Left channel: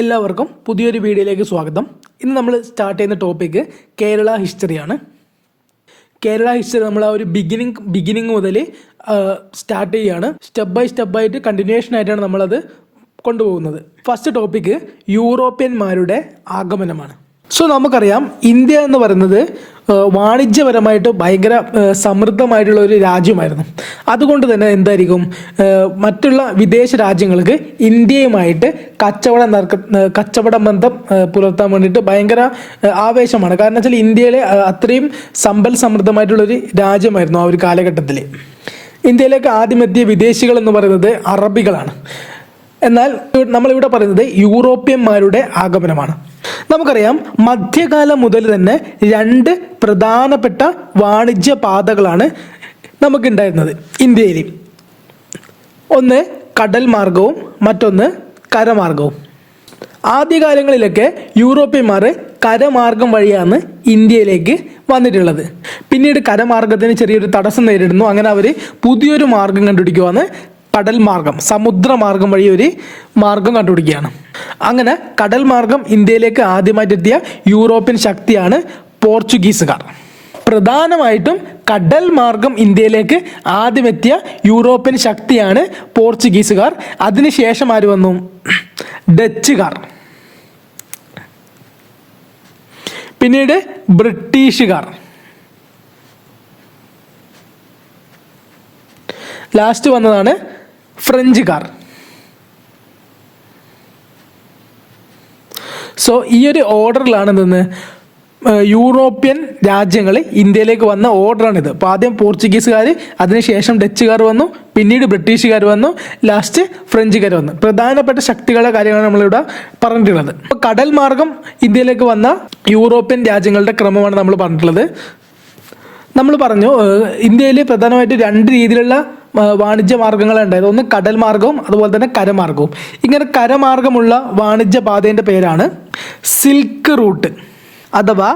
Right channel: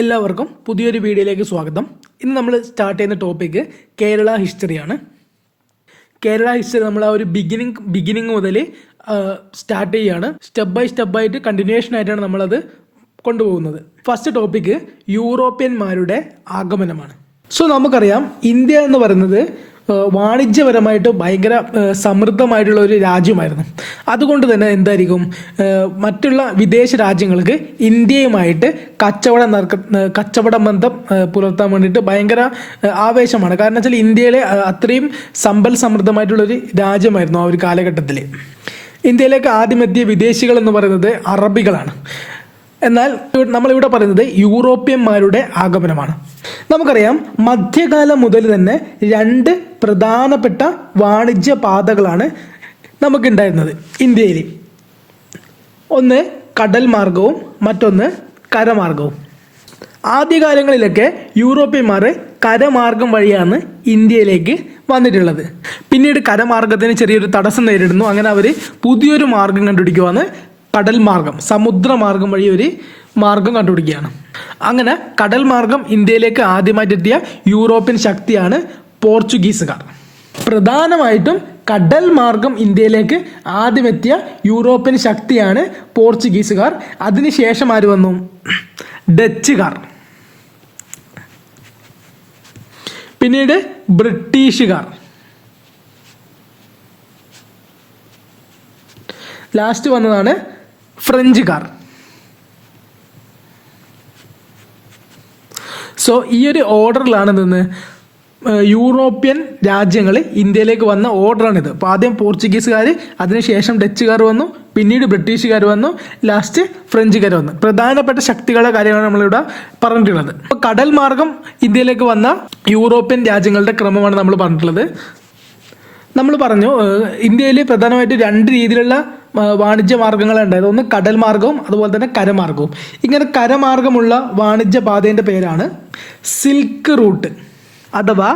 എല്ലാവർക്കും പുതിയൊരു വീഡിയോയിലേക്ക് സ്വാഗതം. ഇന്ന് നമ്മൾ സ്റ്റാർട്ട് ചെയ്യുന്ന ടോപ്പിക്ക് കേരള ഹിസ്റ്ററിയാണ്. കേരള ഹിസ്റ്ററി നമ്മൾ ആ ഒരു ബിഗിനിങ് മുതൽ സ്റ്റാർട്ട് ചെയ്യുകയാണ്. സ്റ്റെപ്പ് ബൈ സ്റ്റെപ്പായിട്ട് കണ്ടിന്യൂവേഷൻ ആയിട്ടാണ് നമ്മളത് കൊണ്ടുപോകുന്നത്. ഫസ്റ്റ് ടോപ്പിക്ക് യൂറോപ്യന്മാരുടെ ആഗമനമാണ്. സോ നമുക്കറിയാം, ഇന്ത്യ എന്ന് പറയുന്നത് വാണിജ്യപരമായിട്ട് ഭയങ്കര സമൃദ്ധമായിട്ടുള്ള ഒരു രാജ്യമായിരുന്നു. അതുകൊണ്ട് തന്നെ എന്തായിരിക്കും, മറ്റുള്ള വിദേശ രാജ്യങ്ങൾക്ക് ഇന്ത്യയുമായിട്ട് കച്ചവട ബന്ധം പുലർത്താൻ വേണ്ടിയിട്ട് ഭയങ്കര ആവേശമാണ്. കാരണം വെച്ചാൽ ഇന്ത്യയിലെ അത്രയും സമ്പൽ സമൃദ്ധമായിട്ടുള്ളൊരു രാജ്യമായിരുന്നു ആ ഒരു കാലഘട്ടത്തിൽ. ഇന്ത്യയിലേക്ക് ആദ്യമെത്തിയ വിദേശികൾ എന്ന് പറയുന്നത് അറബികളാണ്. എന്നാൽ നമ്മളിവിടെ പറയുന്നത് യൂറോപ്യന്മാരുടെ ആഗമനമാണ്. നമുക്കറിയാം, മധ്യകാലം മുതൽ തന്നെ രണ്ട് പ്രധാനപ്പെട്ട വാണിജ്യ പാതകളാണ് നമുക്കുണ്ടായിരുന്നത് ഇന്ത്യയിൽ. ഒന്ന് കടൽ മാർഗവും മറ്റൊന്ന് കരമാർഗവും. ആദ്യകാലങ്ങളിലൊക്കെ യൂറോപ്യന്മാർ കരമാർഗം വഴിയാണ് ഇന്ത്യയിലേക്ക് വന്നിട്ടുള്ളത്. പിന്നീട് കരമാർഗത്തിന് ചെറിയൊരു തടസ്സം നേരിടുന്നു. അങ്ങനെ അവർ പുതിയൊരു മാർഗം കണ്ടുപിടിക്കുവാണ്, കടൽ മാർഗം, സമുദ്രമാർഗം വഴി ഒരു മാർഗം കണ്ടുപിടിക്കുകയാണ്. അങ്ങനെ കടൽ മാർഗം ഇന്ത്യയിലേക്ക് ആദ്യമായിട്ട് എത്തിയ യൂറോപ്യൻ ശക്തിയാണ് പോർച്ചുഗീസുകാർ. പ്രധാനമായിട്ടും കടൽ മാർഗം ഇന്ത്യയിലേക്ക് ആദ്യമെത്തിയ യൂറോപ്യൻ ശക്തിയാണ് പോർച്ചുഗീസുകാർ. അതിനുശേഷം ആര് വന്നു? ഡച്ചുകാർ, പിന്നീട് ബ്രിട്ടീഷുകാർ, ലാസ്റ്റ് വന്നതാണ് ഫ്രഞ്ചുകാർ. സോ ഈ ഒരു ഓർഡറിലാണ് നിന്ന് യൂറോപ്യൻ രാജ്യങ്ങൾ ഇന്ത്യയിലേക്ക് വന്ന ഓർഡറാണിത്. അപ്പോൾ ആദ്യം പോർച്ചുഗീസുകാർ, അതിനുശേഷം ഡച്ചുകാർ വന്നു, പിന്നീട് ബ്രിട്ടീഷുകാർ വന്നു, ലാസ്റ്റ് ഫ്രഞ്ചുകാർ വന്നു. പ്രധാനപ്പെട്ട ശക്തികളുടെ കാര്യമാണ് നമ്മളിവിടെ പറഞ്ഞിട്ടുള്ളത്. അപ്പോൾ കടൽ മാർഗം ഇന്ത്യയിലേക്ക് വന്ന യൂറോപ്യൻ രാജ്യങ്ങളുടെ ക്രമമാണ് നമ്മൾ പറഞ്ഞിട്ടുള്ളത്. നമ്മൾ പറഞ്ഞു, ഇന്ത്യയിൽ പ്രധാനമായിട്ട് രണ്ട് രീതിയിലുള്ള വാണിജ്യ മാർഗങ്ങളാണ് ഉണ്ടായത്. ഒന്ന് കടൽ മാർഗവും അതുപോലെ തന്നെ കരമാർഗവും. ഇങ്ങനെ കരമാർഗമുള്ള വാണിജ്യ പാതേൻ്റെ പേരാണ് സിൽക്ക് റൂട്ട് അഥവാ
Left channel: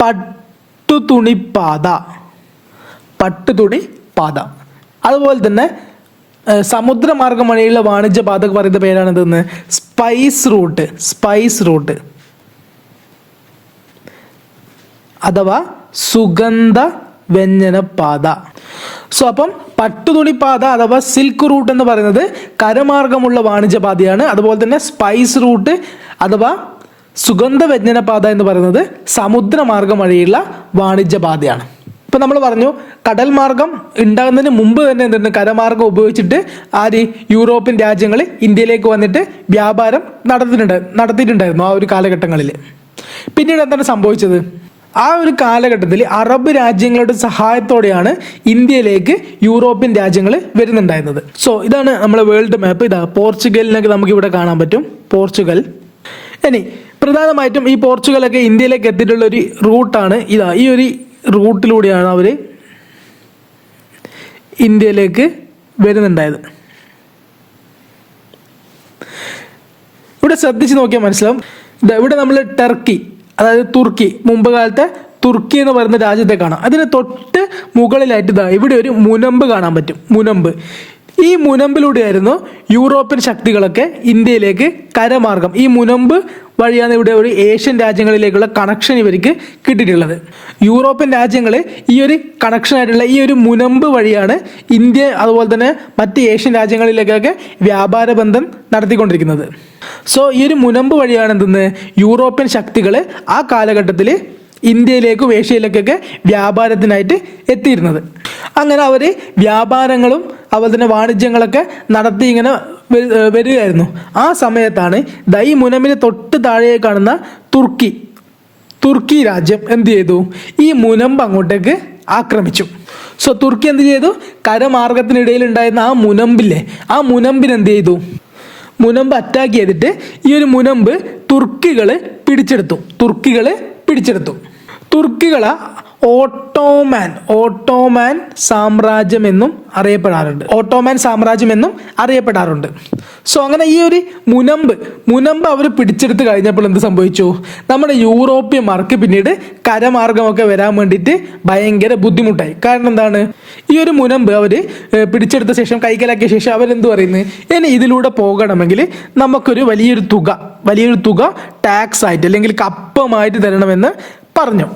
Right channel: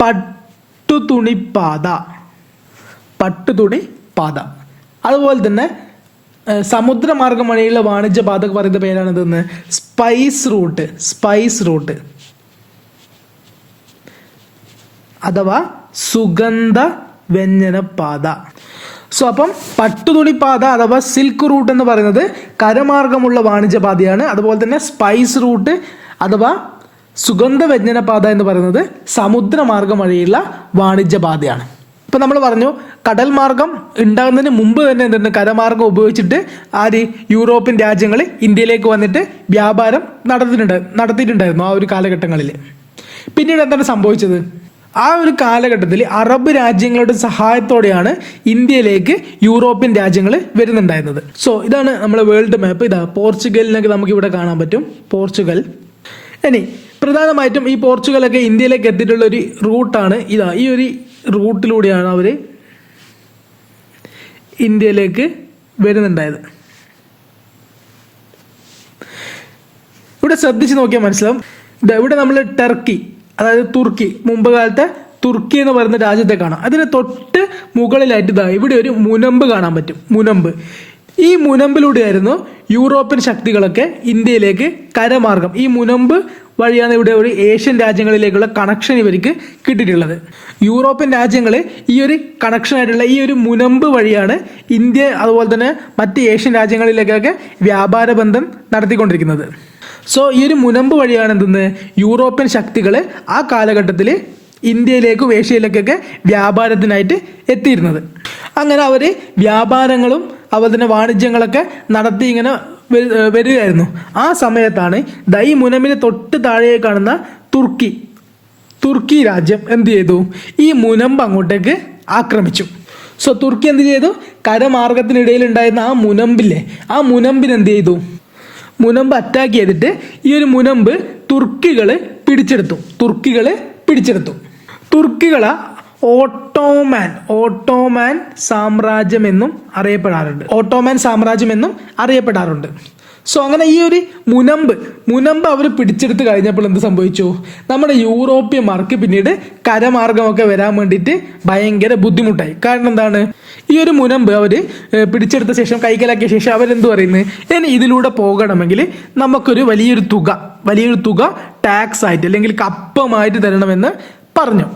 പട്ടുതുണിപ്പാത. അതുപോലെ തന്നെ സമുദ്രമാർഗം വഴിയുള്ള വാണിജ്യ പാത പറയുന്ന പേരാണ് ഇതെന്ന് സ്പൈസ് റൂട്ട് അഥവാ സുഗന്ധ വ്യഞ്ജന പാത. സോ അപ്പം പട്ടുതുണിപ്പാത അഥവാ സിൽക്ക് റൂട്ട് എന്ന് പറയുന്നത് കരമാർഗമുള്ള വാണിജ്യ പാതയാണ്. അതുപോലെ തന്നെ സ്പൈസ് റൂട്ട് അഥവാ സുഗന്ധ വ്യഞ്ജന പാത എന്ന് പറയുന്നത് സമുദ്രമാർഗം വഴിയുള്ള വാണിജ്യ പാതയാണ്. ഇപ്പം നമ്മൾ പറഞ്ഞു, കടൽ മാർഗം ഉണ്ടാകുന്നതിന് മുമ്പ് തന്നെ എന്താണ്, കരമാർഗം ഉപയോഗിച്ചിട്ട് യൂറോപ്യൻ രാജ്യങ്ങൾ ഇന്ത്യയിലേക്ക് വന്നിട്ട് വ്യാപാരം നടത്തിയിട്ടുണ്ടായിരുന്നു ആ ഒരു കാലഘട്ടങ്ങളിൽ. പിന്നീട് എന്താണ് സംഭവിച്ചത്? ആ ഒരു കാലഘട്ടത്തിൽ അറബ് രാജ്യങ്ങളുടെ സഹായത്തോടെയാണ് ഇന്ത്യയിലേക്ക് യൂറോപ്യൻ രാജ്യങ്ങൾ വരുന്നുണ്ടായിരുന്നത്. സോ ഇതാണ് നമ്മളെ വേൾഡ് മാപ്പ്. ഇതാ പോർച്ചുഗലിനൊക്കെ നമുക്ക് ഇവിടെ കാണാൻ പറ്റും, പോർച്ചുഗൽ. ഇനി പ്രധാനമായിട്ടും ഈ പോർച്ചുഗലൊക്കെ ഇന്ത്യയിലേക്ക് എത്തിയിട്ടുള്ള ഒരു റൂട്ടാണ് ഇതാ. ഈ ഒരു റൂട്ടിലൂടെയാണ് അവർ ഇന്ത്യയിലേക്ക് വരുന്നുണ്ടായത്. ഇവിടെ ശ്രദ്ധിച്ച് നോക്കിയാൽ മനസ്സിലാവും. ഇവിടെ നമ്മൾ ടർക്കി, അതായത് തുർക്കി, മുമ്പ് കാലത്തെ തുർക്കി എന്ന് പറയുന്ന രാജ്യത്തെ കാണാം. അതിന് തൊട്ട് മുകളിലായിട്ട് ഇവിടെ ഒരു മുനമ്പ് കാണാൻ പറ്റും. ഈ മുനമ്പിലൂടെയായിരുന്നു യൂറോപ്യൻ ശക്തികളൊക്കെ ഇന്ത്യയിലേക്ക് കരമാർഗം, ഈ മുനമ്പ് വഴിയാണ് ഇവിടെ ഒരു ഏഷ്യൻ രാജ്യങ്ങളിലേക്കുള്ള കണക്ഷൻ ഇവർക്ക് കിട്ടിയിട്ടുള്ളത്. യൂറോപ്യൻ രാജ്യങ്ങൾ ഈ ഒരു കണക്ഷനായിട്ടുള്ള ഈ ഒരു മുനമ്പ് വഴിയാണ് ഇന്ത്യ അതുപോലെ തന്നെ മറ്റ് ഏഷ്യൻ രാജ്യങ്ങളിലേക്കൊക്കെ വ്യാപാര ബന്ധം നടത്തിക്കൊണ്ടിരിക്കുന്നത്. സോ ഈ ഒരു മുനമ്പ് വഴിയാണ് യൂറോപ്യൻ ശക്തികൾ ആ കാലഘട്ടത്തിൽ ഇന്ത്യയിലേക്കും ഏഷ്യയിലേക്കൊക്കെ വ്യാപാരത്തിനായിട്ട് എത്തിയിരുന്നത്. അങ്ങനെ അവർ വ്യാപാരങ്ങളും അതുപോലെ തന്നെ വാണിജ്യങ്ങളൊക്കെ നടത്തി ഇങ്ങനെ വരികയായിരുന്നു. ആ സമയത്താണ് ഈ മുനമ്പിന് തൊട്ട് താഴെ കാണുന്ന തുർക്കി രാജ്യം എന്ത് ചെയ്തു? ഈ മുനമ്പ് അങ്ങോട്ടേക്ക് ആക്രമിച്ചു. സോ തുർക്കി എന്ത് ചെയ്തു? കരമാർഗത്തിനിടയിൽ ഉണ്ടായിരുന്ന ആ മുനമ്പില്ലേ, ആ മുനമ്പിന് എന്ത് ചെയ്തു? മുനമ്പ് അറ്റാക്ക് ചെയ്തിട്ട് ഈ ഒരു മുനമ്പ് തുർക്കികളെ പിടിച്ചെടുത്തു. തുർക്കികളെ ഓട്ടോമാൻ സാമ്രാജ്യം എന്നും അറിയപ്പെടാറുണ്ട്. സോ അങ്ങനെ ഈ ഒരു മുനമ്പ് അവർ പിടിച്ചെടുത്ത് കഴിഞ്ഞപ്പോൾ എന്ത് സംഭവിച്ചു? നമ്മുടെ യൂറോപ്യന്മാർക്ക് പിന്നീട് കരമാർഗമൊക്കെ വരാൻ വേണ്ടിയിട്ട് ഭയങ്കര ബുദ്ധിമുട്ടായി. കാരണം എന്താണ്? ഈ ഒരു മുനമ്പ് അവർ പിടിച്ചെടുത്ത ശേഷം, കൈക്കലാക്കിയ ശേഷം അവരെന്ത് പറയുന്നത്? ഇനി ഇതിലൂടെ പോകണമെങ്കിൽ നമുക്കൊരു വലിയൊരു തുക ടാക്സ് ആയിട്ട് അല്ലെങ്കിൽ കപ്പമായിട്ട് തരണമെന്ന് പറഞ്ഞു.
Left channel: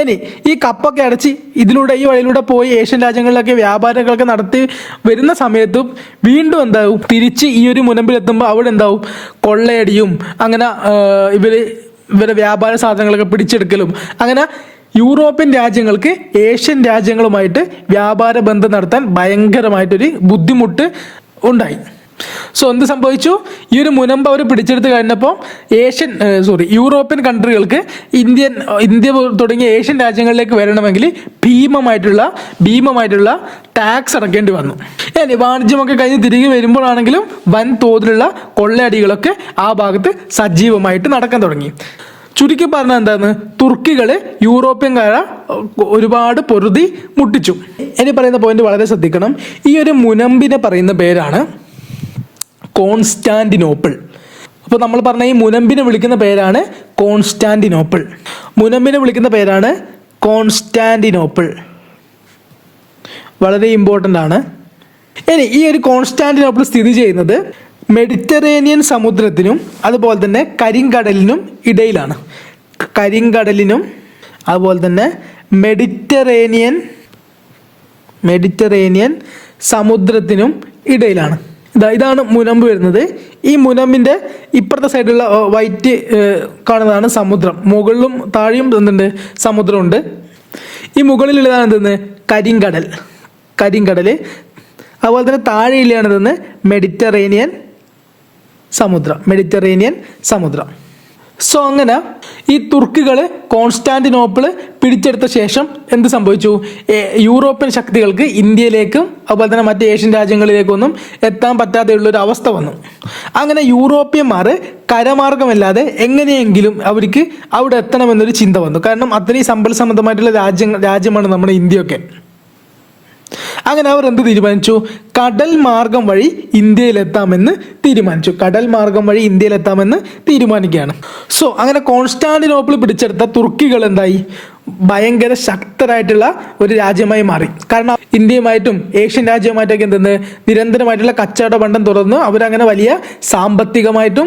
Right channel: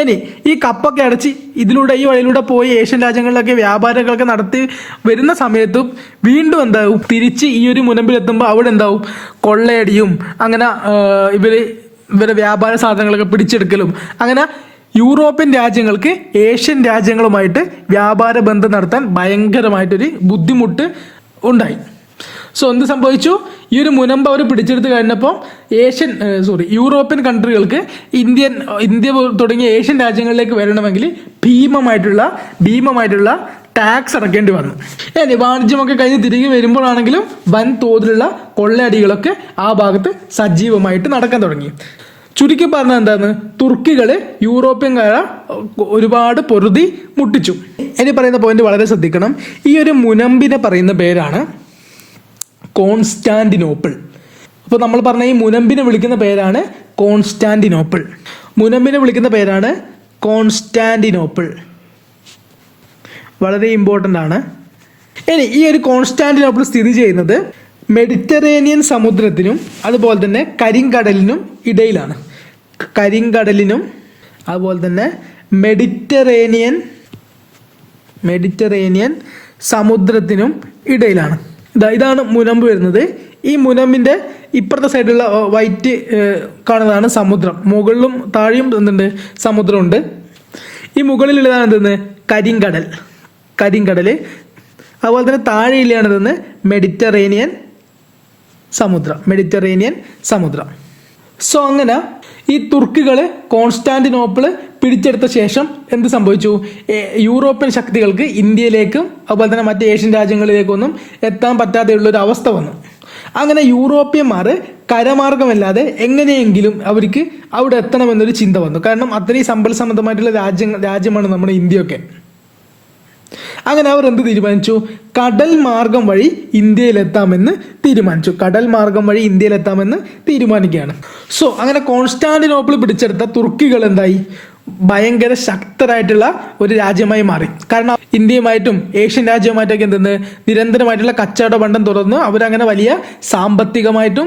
ഇനി ഈ കപ്പൊക്കെ അടച്ച് ഈ വഴിയിലൂടെ പോയി ഏഷ്യൻ രാജ്യങ്ങളിലൊക്കെ വ്യാപാരങ്ങളൊക്കെ നടത്തി വരുന്ന സമയത്തും വീണ്ടും എന്താവും? തിരിച്ച് ഈ ഒരു മുനമ്പിലെത്തുമ്പോൾ അവിടെ എന്താവും? കൊള്ളയടിയും അങ്ങനെ ഇവരെ വ്യാപാര സാധനങ്ങളൊക്കെ പിടിച്ചെടുക്കലും, അങ്ങനെ യൂറോപ്യൻ രാജ്യങ്ങൾക്ക് ഏഷ്യൻ രാജ്യങ്ങളുമായിട്ട് വ്യാപാര ബന്ധം നടത്താൻ ഭയങ്കരമായിട്ടൊരു ബുദ്ധിമുട്ട് ഉണ്ടായി. സോ എന്ത് സംഭവിച്ചു? ഈ ഒരു മുനമ്പ് അവർ പിടിച്ചെടുത്ത് കഴിഞ്ഞപ്പോൾ യൂറോപ്യൻ കൺട്രികൾക്ക് ഇന്ത്യ തുടങ്ങിയ ഏഷ്യൻ രാജ്യങ്ങളിലേക്ക് വരണമെങ്കിൽ ഭീമമായിട്ടുള്ള ടാക്സ് അടക്കേണ്ടി വന്നു. വാണിജ്യമൊക്കെ കഴിഞ്ഞ് തിരികെ വരുമ്പോഴാണെങ്കിലും വൻ തോതിലുള്ള കൊള്ളയടികളൊക്കെ ആ ഭാഗത്ത് സജീവമായിട്ട് നടക്കാൻ തുടങ്ങി. ചുരുക്കി പറഞ്ഞാൽ എന്താണ്? തുർക്കികൾ യൂറോപ്യൻകാരെ ഒരുപാട് പൊറുതി മുട്ടിച്ചു. ഇനി പറയുന്ന പോയിന്റ് വളരെ ശ്രദ്ധിക്കണം. ഈ ഒരു മുനമ്പിനെ പറയുന്ന പേരാണ് കോൺസ്റ്റാന്റിനോപ്പിൾ. അപ്പോൾ നമ്മൾ പറഞ്ഞ ഈ മുനമ്പിനെ വിളിക്കുന്ന പേരാണ് കോൺസ്റ്റാന്റിനോപ്പിൾ. വളരെ ഇമ്പോർട്ടൻ്റ് ആണ്. ഇനി ഈ ഒരു കോൺസ്റ്റാന്റിനോപ്പിൾ സ്ഥിതി ചെയ്യുന്നത് മെഡിറ്ററേനിയൻ സമുദ്രത്തിനും അതുപോലെ തന്നെ കരിങ്കടലിനും ഇടയിലാണ്. അതുപോലെ തന്നെ മെഡിറ്ററേനിയൻ സമുദ്രത്തിനും ഇടയിലാണ്. ഇതാണ് മുനമ്പ് വരുന്നത്. ഈ മുനമ്പിന്റെ ഇപ്പുറത്തെ സൈഡിലുള്ള വൈറ്റ് കാണുന്നതാണ് സമുദ്രം. മുകളിലും താഴെയും എന്തുണ്ട്? സമുദ്രമുണ്ട്. ഈ മുകളിലുള്ളതാണ് എന്തെന്ന്? കരിങ്കടൽ. അതുപോലെ തന്നെ താഴെയിലാണ് എന്തെന്ന്? മെഡിറ്ററേനിയൻ സമുദ്രം. സോ അങ്ങനെ ഈ തുർക്കികൾ കോൺസ്റ്റാന്റിനോപ്പിൾ പിടിച്ചെടുത്ത ശേഷം എന്ത് സംഭവിച്ചു? യൂറോപ്യൻ ശക്തികൾക്ക് ഇന്ത്യയിലേക്കും അതുപോലെ തന്നെ മറ്റ് ഏഷ്യൻ രാജ്യങ്ങളിലേക്കൊന്നും എത്താൻ പറ്റാതെയുള്ളൊരു അവസ്ഥ വന്നു. അങ്ങനെ യൂറോപ്യന്മാർ കരമാർഗമല്ലാതെ എങ്ങനെയെങ്കിലും അവർക്ക് അവിടെ എത്തണമെന്നൊരു ചിന്ത വന്നു. കാരണം അത്രയും സമ്പൽ സമൃദ്ധമായിട്ടുള്ള രാജ്യമാണ് നമ്മുടെ ഇന്ത്യയൊക്കെ. അങ്ങനെ അവർ എന്ത് തീരുമാനിച്ചു? കടൽ മാർഗം വഴി ഇന്ത്യയിലെത്താമെന്ന് തീരുമാനിക്കുകയാണ്. സോ അങ്ങനെ കോൺസ്റ്റാന്റിനോപ്പിൾ പിടിച്ചെടുത്ത തുർക്കികൾ എന്തായി? ഭയങ്കര ശക്തരായിട്ടുള്ള ഒരു രാജ്യമായി മാറി. കാരണം ഇന്ത്യയുമായിട്ടും ഏഷ്യൻ രാജ്യവുമായിട്ടൊക്കെ എന്തെന്ന് നിരന്തരമായിട്ടുള്ള കച്ചവട ബന്ധം തുറന്ന് അവരങ്ങനെ വലിയ സാമ്പത്തികമായിട്ടും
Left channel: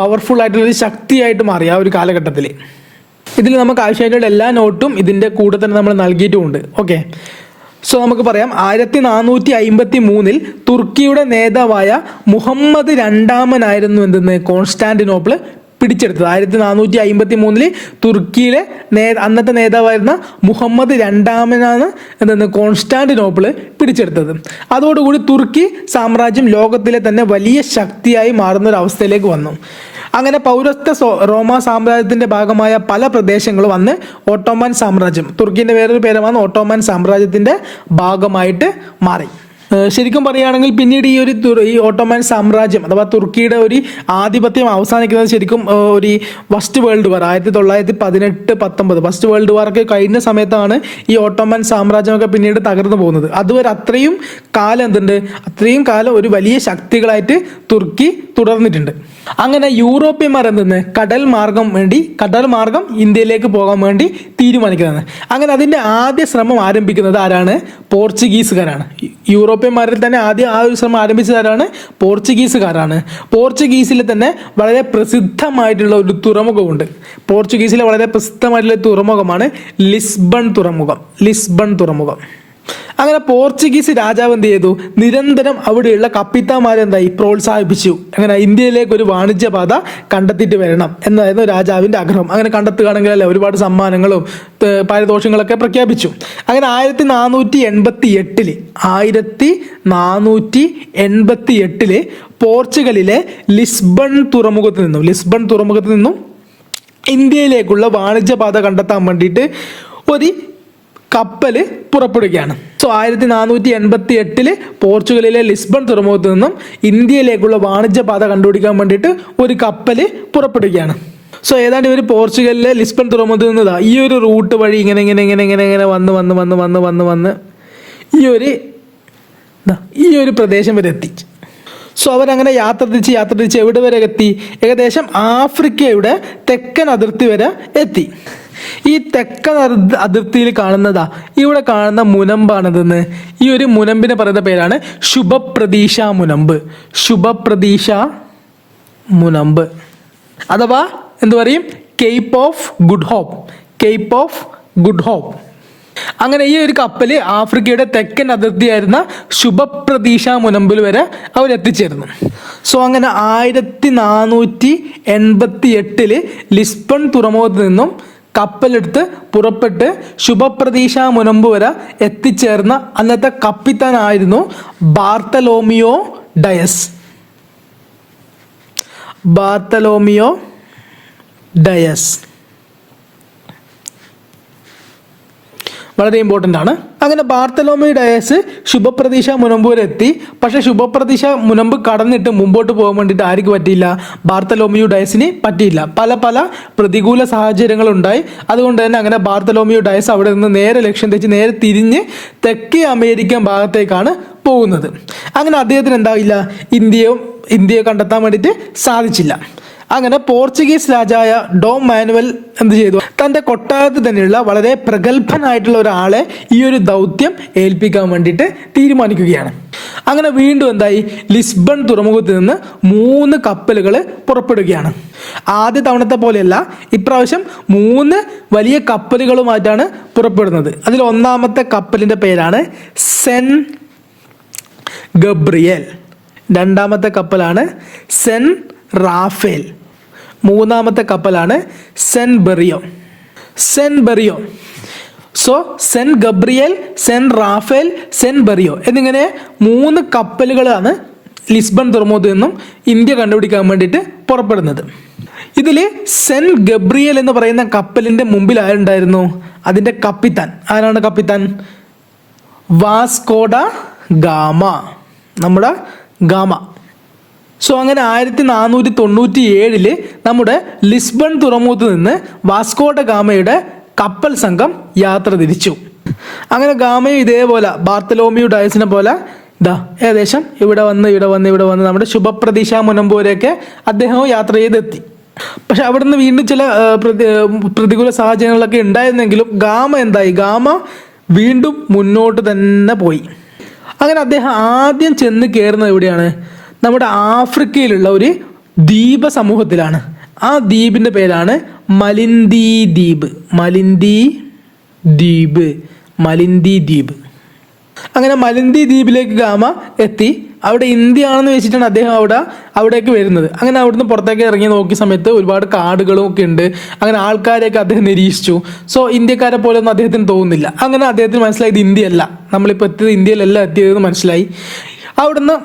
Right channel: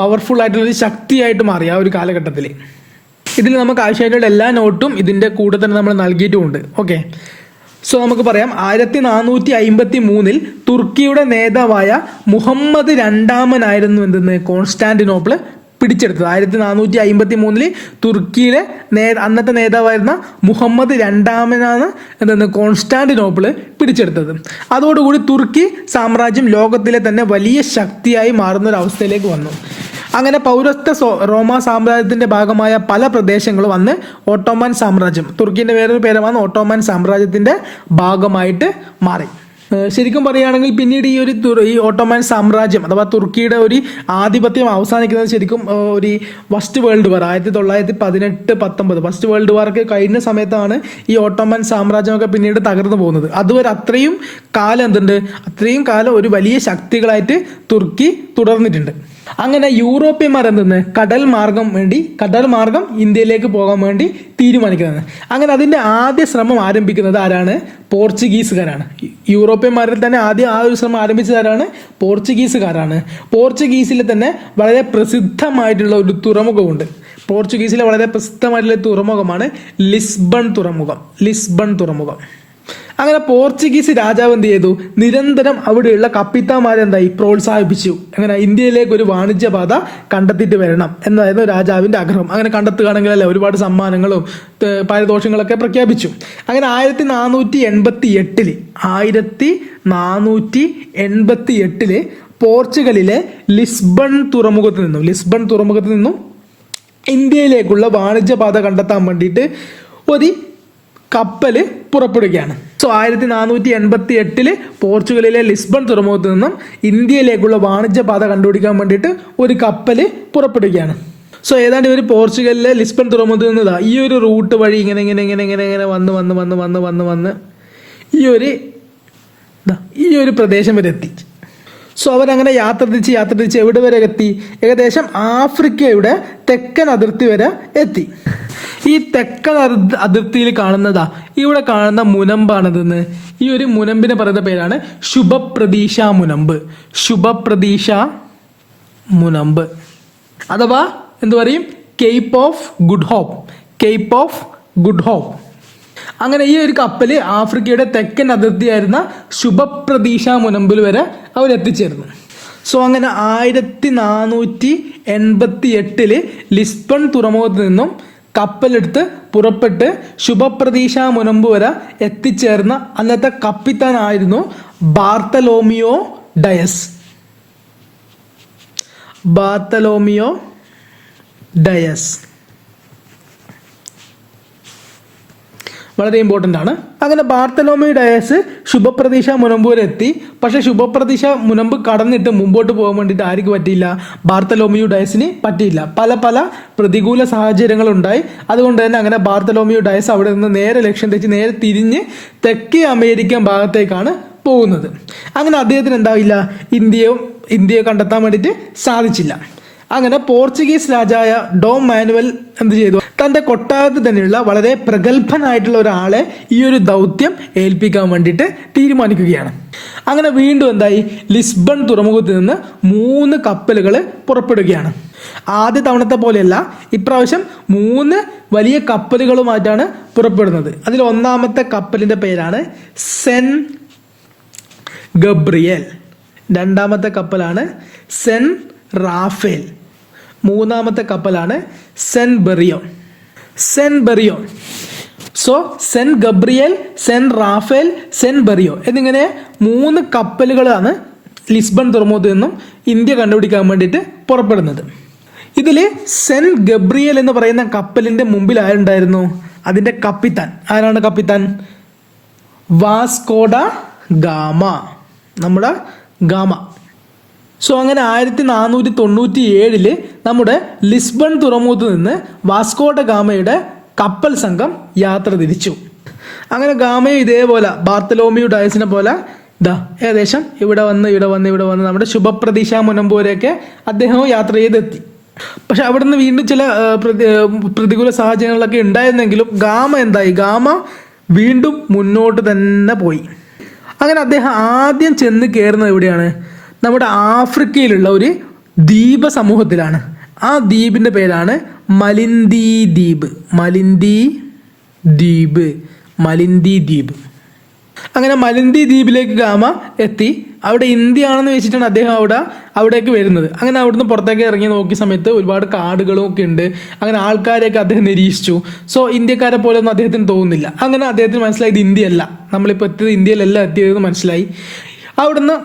പവർഫുൾ ആയിട്ടുള്ള ഒരു ശക്തിയായിട്ട് മാറി ആ ഒരു കാലഘട്ടത്തിൽ. ഇതിൽ നമുക്ക് ആവശ്യമായിട്ടുള്ള എല്ലാ നോട്ടും ഇതിൻ്റെ കൂടെ തന്നെ നമ്മൾ നൽകിയിട്ടുമുണ്ട്. ഓക്കെ, സോ നമുക്ക് പറയാം 1453 തുർക്കിയുടെ നേതാവായ മുഹമ്മദ് രണ്ടാമനായിരുന്നു എന്തെന്ന് കോൺസ്റ്റാന്റിനോപ്പിൾ പിടിച്ചെടുത്തത്. 1453 തുർക്കിയിലെ അന്നത്തെ നേതാവായിരുന്ന മുഹമ്മദ് രണ്ടാമനാണ് എന്തെന്ന് കോൺസ്റ്റാന്റിനോപ്പിൾ പിടിച്ചെടുത്തത്. അതോടുകൂടി തുർക്കി സാമ്രാജ്യം ലോകത്തിലെ തന്നെ വലിയ ശക്തിയായി മാറുന്ന ഒരു അവസ്ഥയിലേക്ക് വന്നു. അങ്ങനെ പൗരസ്ത്യ റോമാ സാമ്രാജ്യത്തിന്റെ ഭാഗമായ പല പ്രദേശങ്ങളും അന്ന് ഓട്ടോമൻ സാമ്രാജ്യം, തുർക്കിന്റെ വേറൊരു പേരുമാണ് ഓട്ടോമൻ സാമ്രാജ്യത്തിന്റെ ഭാഗമായിട്ട് മാറി. ശരിക്കും പറയുകയാണെങ്കിൽ പിന്നീട് ഈ ഓട്ടോമൻ സാമ്രാജ്യം അഥവാ തുർക്കിയുടെ ഒരു ആധിപത്യം അവസാനിക്കുന്നത് ശരിക്കും ഒരു first world war 1918-19 first world war ഒക്കെ കഴിഞ്ഞ സമയത്താണ് ഈ ഓട്ടോമൻ സാമ്രാജ്യമൊക്കെ പിന്നീട് തകർന്നു പോകുന്നത്. അതുവരെ അത്രയും കാലം ഒരു വലിയ ശക്തികളായിട്ട് തുർക്കി തുടർന്നിട്ടുണ്ട്. അങ്ങനെ യൂറോപ്യന്മാർ എന്തെന്ന് കടൽ മാർഗം ഇന്ത്യയിലേക്ക് പോകാൻ വേണ്ടി തീരുമാനിക്കുന്നത്. അങ്ങനെ അതിന്റെ ആദ്യ ശ്രമം ആരംഭിക്കുന്നത് ആരാണ്? പോർച്ചുഗീസുകാരാണ്. യൂറോപ്യന്മാരിൽ തന്നെ ആദ്യം ആ ഒരു ശ്രമം ആരംഭിച്ചതാരാണ്? പോർച്ചുഗീസുകാരാണ്. പോർച്ചുഗീസിലെ തന്നെ വളരെ പ്രസിദ്ധമായിട്ടുള്ള ഒരു തുറമുഖമുണ്ട്. പോർച്ചുഗീസിലെ വളരെ പ്രസിദ്ധമായിട്ടുള്ള തുറമുഖമാണ് ലിസ്ബൺ തുറമുഖം. അങ്ങനെ പോർച്ചുഗീസ് രാജാവ് എന്ത് ചെയ്തു? നിരന്തരം അവിടെയുള്ള കപ്പിത്താന്മാരെന്തായി പ്രോത്സാഹിപ്പിച്ചു. അങ്ങനെ ഇന്ത്യയിലേക്ക് ഒരു വാണിജ്യപാത കണ്ടെത്തിയിട്ട് വരണം എന്നായിരുന്നു രാജാവിന്റെ ആഗ്രഹം. അങ്ങനെ കണ്ടെത്തുകയാണെങ്കിലല്ലേ ഒരുപാട് സമ്മാനങ്ങളും പാരിതോഷികങ്ങളൊക്കെ പ്രഖ്യാപിച്ചു. അങ്ങനെ 1488 പോർച്ചുഗലിലെ ലിസ്ബൺ തുറമുഖത്ത് നിന്നും ഇന്ത്യയിലേക്കുള്ള വാണിജ്യപാത കണ്ടെത്താൻ വേണ്ടിയിട്ട് ഒരു കപ്പല് പുറപ്പെടുകയാണ്. സോ 1488 പോർച്ചുഗലിലെ ലിസ്ബൺ തുറമുഖത്ത് നിന്നും ഇന്ത്യയിലേക്കുള്ള വാണിജ്യപാത കണ്ടുപിടിക്കാൻ വേണ്ടിയിട്ട് ഒരു കപ്പല് പുറപ്പെടുകയാണ്. സോ ഏതാണ്ട് ഒരു പോർച്ചുഗലിലെ ലിസ്ബൺ തുറമുഖത്ത് നിന്നതാ ഈ ഒരു റൂട്ട് വഴി ഇങ്ങനെ ഇങ്ങനെ ഇങ്ങനെ ഇങ്ങനെ ഇങ്ങനെ വന്ന് വന്ന് വന്ന് വന്ന് വന്ന് വന്ന് ഈ ഒരു പ്രദേശം വരെ എത്തി. സോ അവരങ്ങനെ യാത്ര തിരിച്ച് എവിടെ വരെ എത്തി? ഏകദേശം ആഫ്രിക്കയുടെ തെക്കൻ അതിർത്തി വരെ എത്തി. ഈ തെക്കൻ അതിർത്തിയിൽ കാണുന്നതാ ഇവിടെ കാണുന്ന മുനമ്പാണതെന്ന്. ഈ ഒരു മുനമ്പിനെ പറയുന്ന പേരാണ് ശുഭപ്രതീക്ഷ മുനമ്പ്. ശുഭപ്രതീക്ഷ മുനമ്പ് അഥവാ എന്ത് പറയും? Cape of Good Hope. Cape of Good Hope. അങ്ങനെ ഈ ഒരു കപ്പല് ആഫ്രിക്കയുടെ തെക്കൻ അതിർത്തിയായിരുന്ന ശുഭപ്രതീക്ഷ മുനമ്പിൽ വരെ അവർ എത്തിച്ചേർന്നു. സോ അങ്ങനെ 1488 ലിസ്ബൺ തുറമുഖത്ത് നിന്നും കപ്പലെടുത്ത് പുറപ്പെട്ട് ശുഭപ്രതീക്ഷ മുനമ്പ് വരെ എത്തിച്ചേർന്ന അന്നത്തെ കപ്പിത്താനായിരുന്നു ബാർത്തലോമിയോ ഡയസ്. ബാർത്തലോമിയോ ഡയസ് വളരെ ഇമ്പോർട്ടൻ്റ് ആണ്. അങ്ങനെ ബാർത്തലോമിയോ ഡയസ് ശുഭപ്രതീക്ഷ മുനമ്പ് വരെ എത്തി. പക്ഷെ ശുഭപ്രതീക്ഷ മുനമ്പ് കടന്നിട്ട് മുമ്പോട്ട് പോകാൻ വേണ്ടിയിട്ട് ആർക്ക് പറ്റിയില്ല? ബാർത്തലോമിയോ ഡയസിന് പറ്റിയില്ല. പല പല പ്രതികൂല സാഹചര്യങ്ങളുണ്ടായി. അതുകൊണ്ട് തന്നെ അങ്ങനെ ബാർത്തലോമിയോ ഡയസ് അവിടെ നിന്ന് നേരെ ലക്ഷ്യം തെറ്റി നേരെ തിരിഞ്ഞ് തെക്കേ അമേരിക്കൻ ഭാഗത്തേക്കാണ് പോകുന്നത്. അങ്ങനെ അദ്ദേഹത്തിന് എന്താവില്ല? ഇന്ത്യയെ കണ്ടെത്താൻ വേണ്ടിയിട്ട് സാധിച്ചില്ല. അങ്ങനെ പോർച്ചുഗീസ് രാജായ ഡോം മാനുവൽ എന്ത് ചെയ്തു? തൻ്റെ കൊട്ടാരത്തിൽ തന്നെയുള്ള വളരെ പ്രഗത്ഭനായിട്ടുള്ള ഒരാളെ ഈ ഒരു ദൗത്യം ഏൽപ്പിക്കാൻ വേണ്ടിയിട്ട് തീരുമാനിക്കുകയാണ്. അങ്ങനെ വീണ്ടും എന്തായി? ലിസ്ബൺ തുറമുഖത്ത് നിന്ന് 3 കപ്പലുകൾ പുറപ്പെടുകയാണ്. ആദ്യ തവണത്തെ പോലെയല്ല, ഇപ്രാവശ്യം 3 വലിയ കപ്പലുകളുമായിട്ടാണ് പുറപ്പെടുന്നത്. അതിൽ ഒന്നാമത്തെ കപ്പലിൻ്റെ പേരാണ് സെന്റ് ഗബ്രിയേൽ. രണ്ടാമത്തെ കപ്പലാണ് സെന്റ് റാഫേൽ. മൂന്നാമത്തെ കപ്പലാണ് Saint Berrio. So Saint Gabriel, Saint Raphael, Saint Berrio എന്നിങ്ങനെ 3 കപ്പലുകളാണ് ലിസ്ബൺ തുറമുഖത്ത് നിന്നും ഇന്ത്യ കണ്ടുപിടിക്കാൻ വേണ്ടിയിട്ട് പുറപ്പെടുന്നത്. ഇതിൽ സെന്റ് ഗബ്രിയേൽ എന്ന് പറയുന്ന കപ്പലിൻ്റെ മുമ്പിൽ ആരുണ്ടായിരുന്നു? അതിൻ്റെ കപ്പിത്താൻ ആരാണ്? കപ്പിത്താൻ വാസ്കോ ഡ ഗാമ, നമ്മുടെ ഗാമ. സോ അങ്ങനെ 1497 നമ്മുടെ ലിസ്ബൺ തുറമുഖത്ത് നിന്ന് വാസ്കോ ഡ ഗാമയുടെ കപ്പൽ സംഘം യാത്ര തിരിച്ചു. അങ്ങനെ ഗാമയും ഇതേപോലെ ബാർത്തലോമിയോ ഡയസിനെ പോലെ ഏകദേശം ഇവിടെ വന്ന് നമ്മുടെ ശുഭപ്രതീക്ഷ മുനമ്പ് വരെയൊക്കെ അദ്ദേഹവും യാത്ര ചെയ്തെത്തി. പക്ഷെ അവിടുന്ന് വീണ്ടും ചില പ്രതികൂല സാഹചര്യങ്ങളൊക്കെ ഉണ്ടായിരുന്നെങ്കിലും ഗാമ വീണ്ടും മുന്നോട്ട് തന്നെ പോയി. അങ്ങനെ അദ്ദേഹം ആദ്യം ചെന്ന് കയറുന്നത് എവിടെയാണ്? നമ്മുടെ ആഫ്രിക്കയിലുള്ള ഒരു ദ്വീപ സമൂഹത്തിലാണ്. ആ ദ്വീപിൻ്റെ പേരാണ് മലിന്ദി ദ്വീപ്. അങ്ങനെ മലിന്ദി ദ്വീപിലേക്ക് ഗാമ എത്തി. അവിടെ ഇന്ത്യ ആണെന്ന് വെച്ചിട്ടാണ് അദ്ദേഹം അവിടേക്ക് വരുന്നത്. അങ്ങനെ അവിടുന്ന് പുറത്തേക്ക് ഇറങ്ങി നോക്കിയ സമയത്ത് ഒരുപാട് കാടുകളും ഒക്കെ ഉണ്ട്. അങ്ങനെ ആൾക്കാരെയൊക്കെ അദ്ദേഹം നിരീക്ഷിച്ചു. സോ ഇന്ത്യക്കാരെ പോലെ ഒന്നും അദ്ദേഹത്തിന് തോന്നുന്നില്ല. അങ്ങനെ അദ്ദേഹത്തിന് മനസ്സിലായി ഇത് ഇന്ത്യയല്ല, നമ്മളിപ്പോൾ എത്തിയത് ഇന്ത്യയിലല്ല എത്തിയതെന്ന് മനസ്സിലായി. അവിടുന്ന്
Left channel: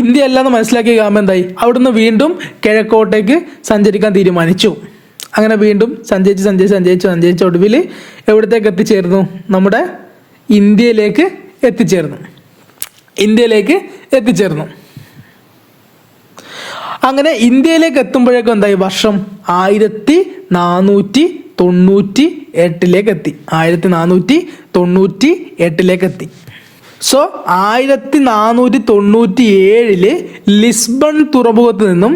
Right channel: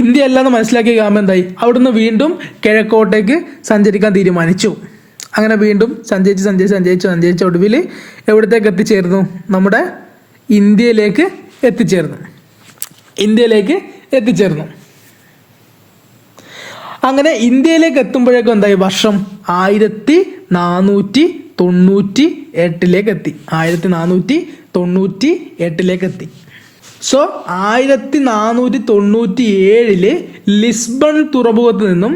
ഇന്ത്യ അല്ലാന്ന് മനസ്സിലാക്കിയ ഗാമ എന്തായി? അവിടുന്ന് വീണ്ടും കിഴക്കോട്ടേക്ക് സഞ്ചരിക്കാൻ തീരുമാനിച്ചു. അങ്ങനെ വീണ്ടും സഞ്ചരിച്ച് ഒടുവിൽ എവിടത്തേക്ക് എത്തിച്ചേർന്നു? നമ്മുടെ ഇന്ത്യയിലേക്ക് എത്തിച്ചേർന്നു. അങ്ങനെ ഇന്ത്യയിലേക്ക് എത്തുമ്പോഴേക്കും എന്തായി? വർഷം 1498 എത്തി. 1498 എത്തി. സോ 1497 ലിസ്ബൺ തുറമുഖത്ത് നിന്നും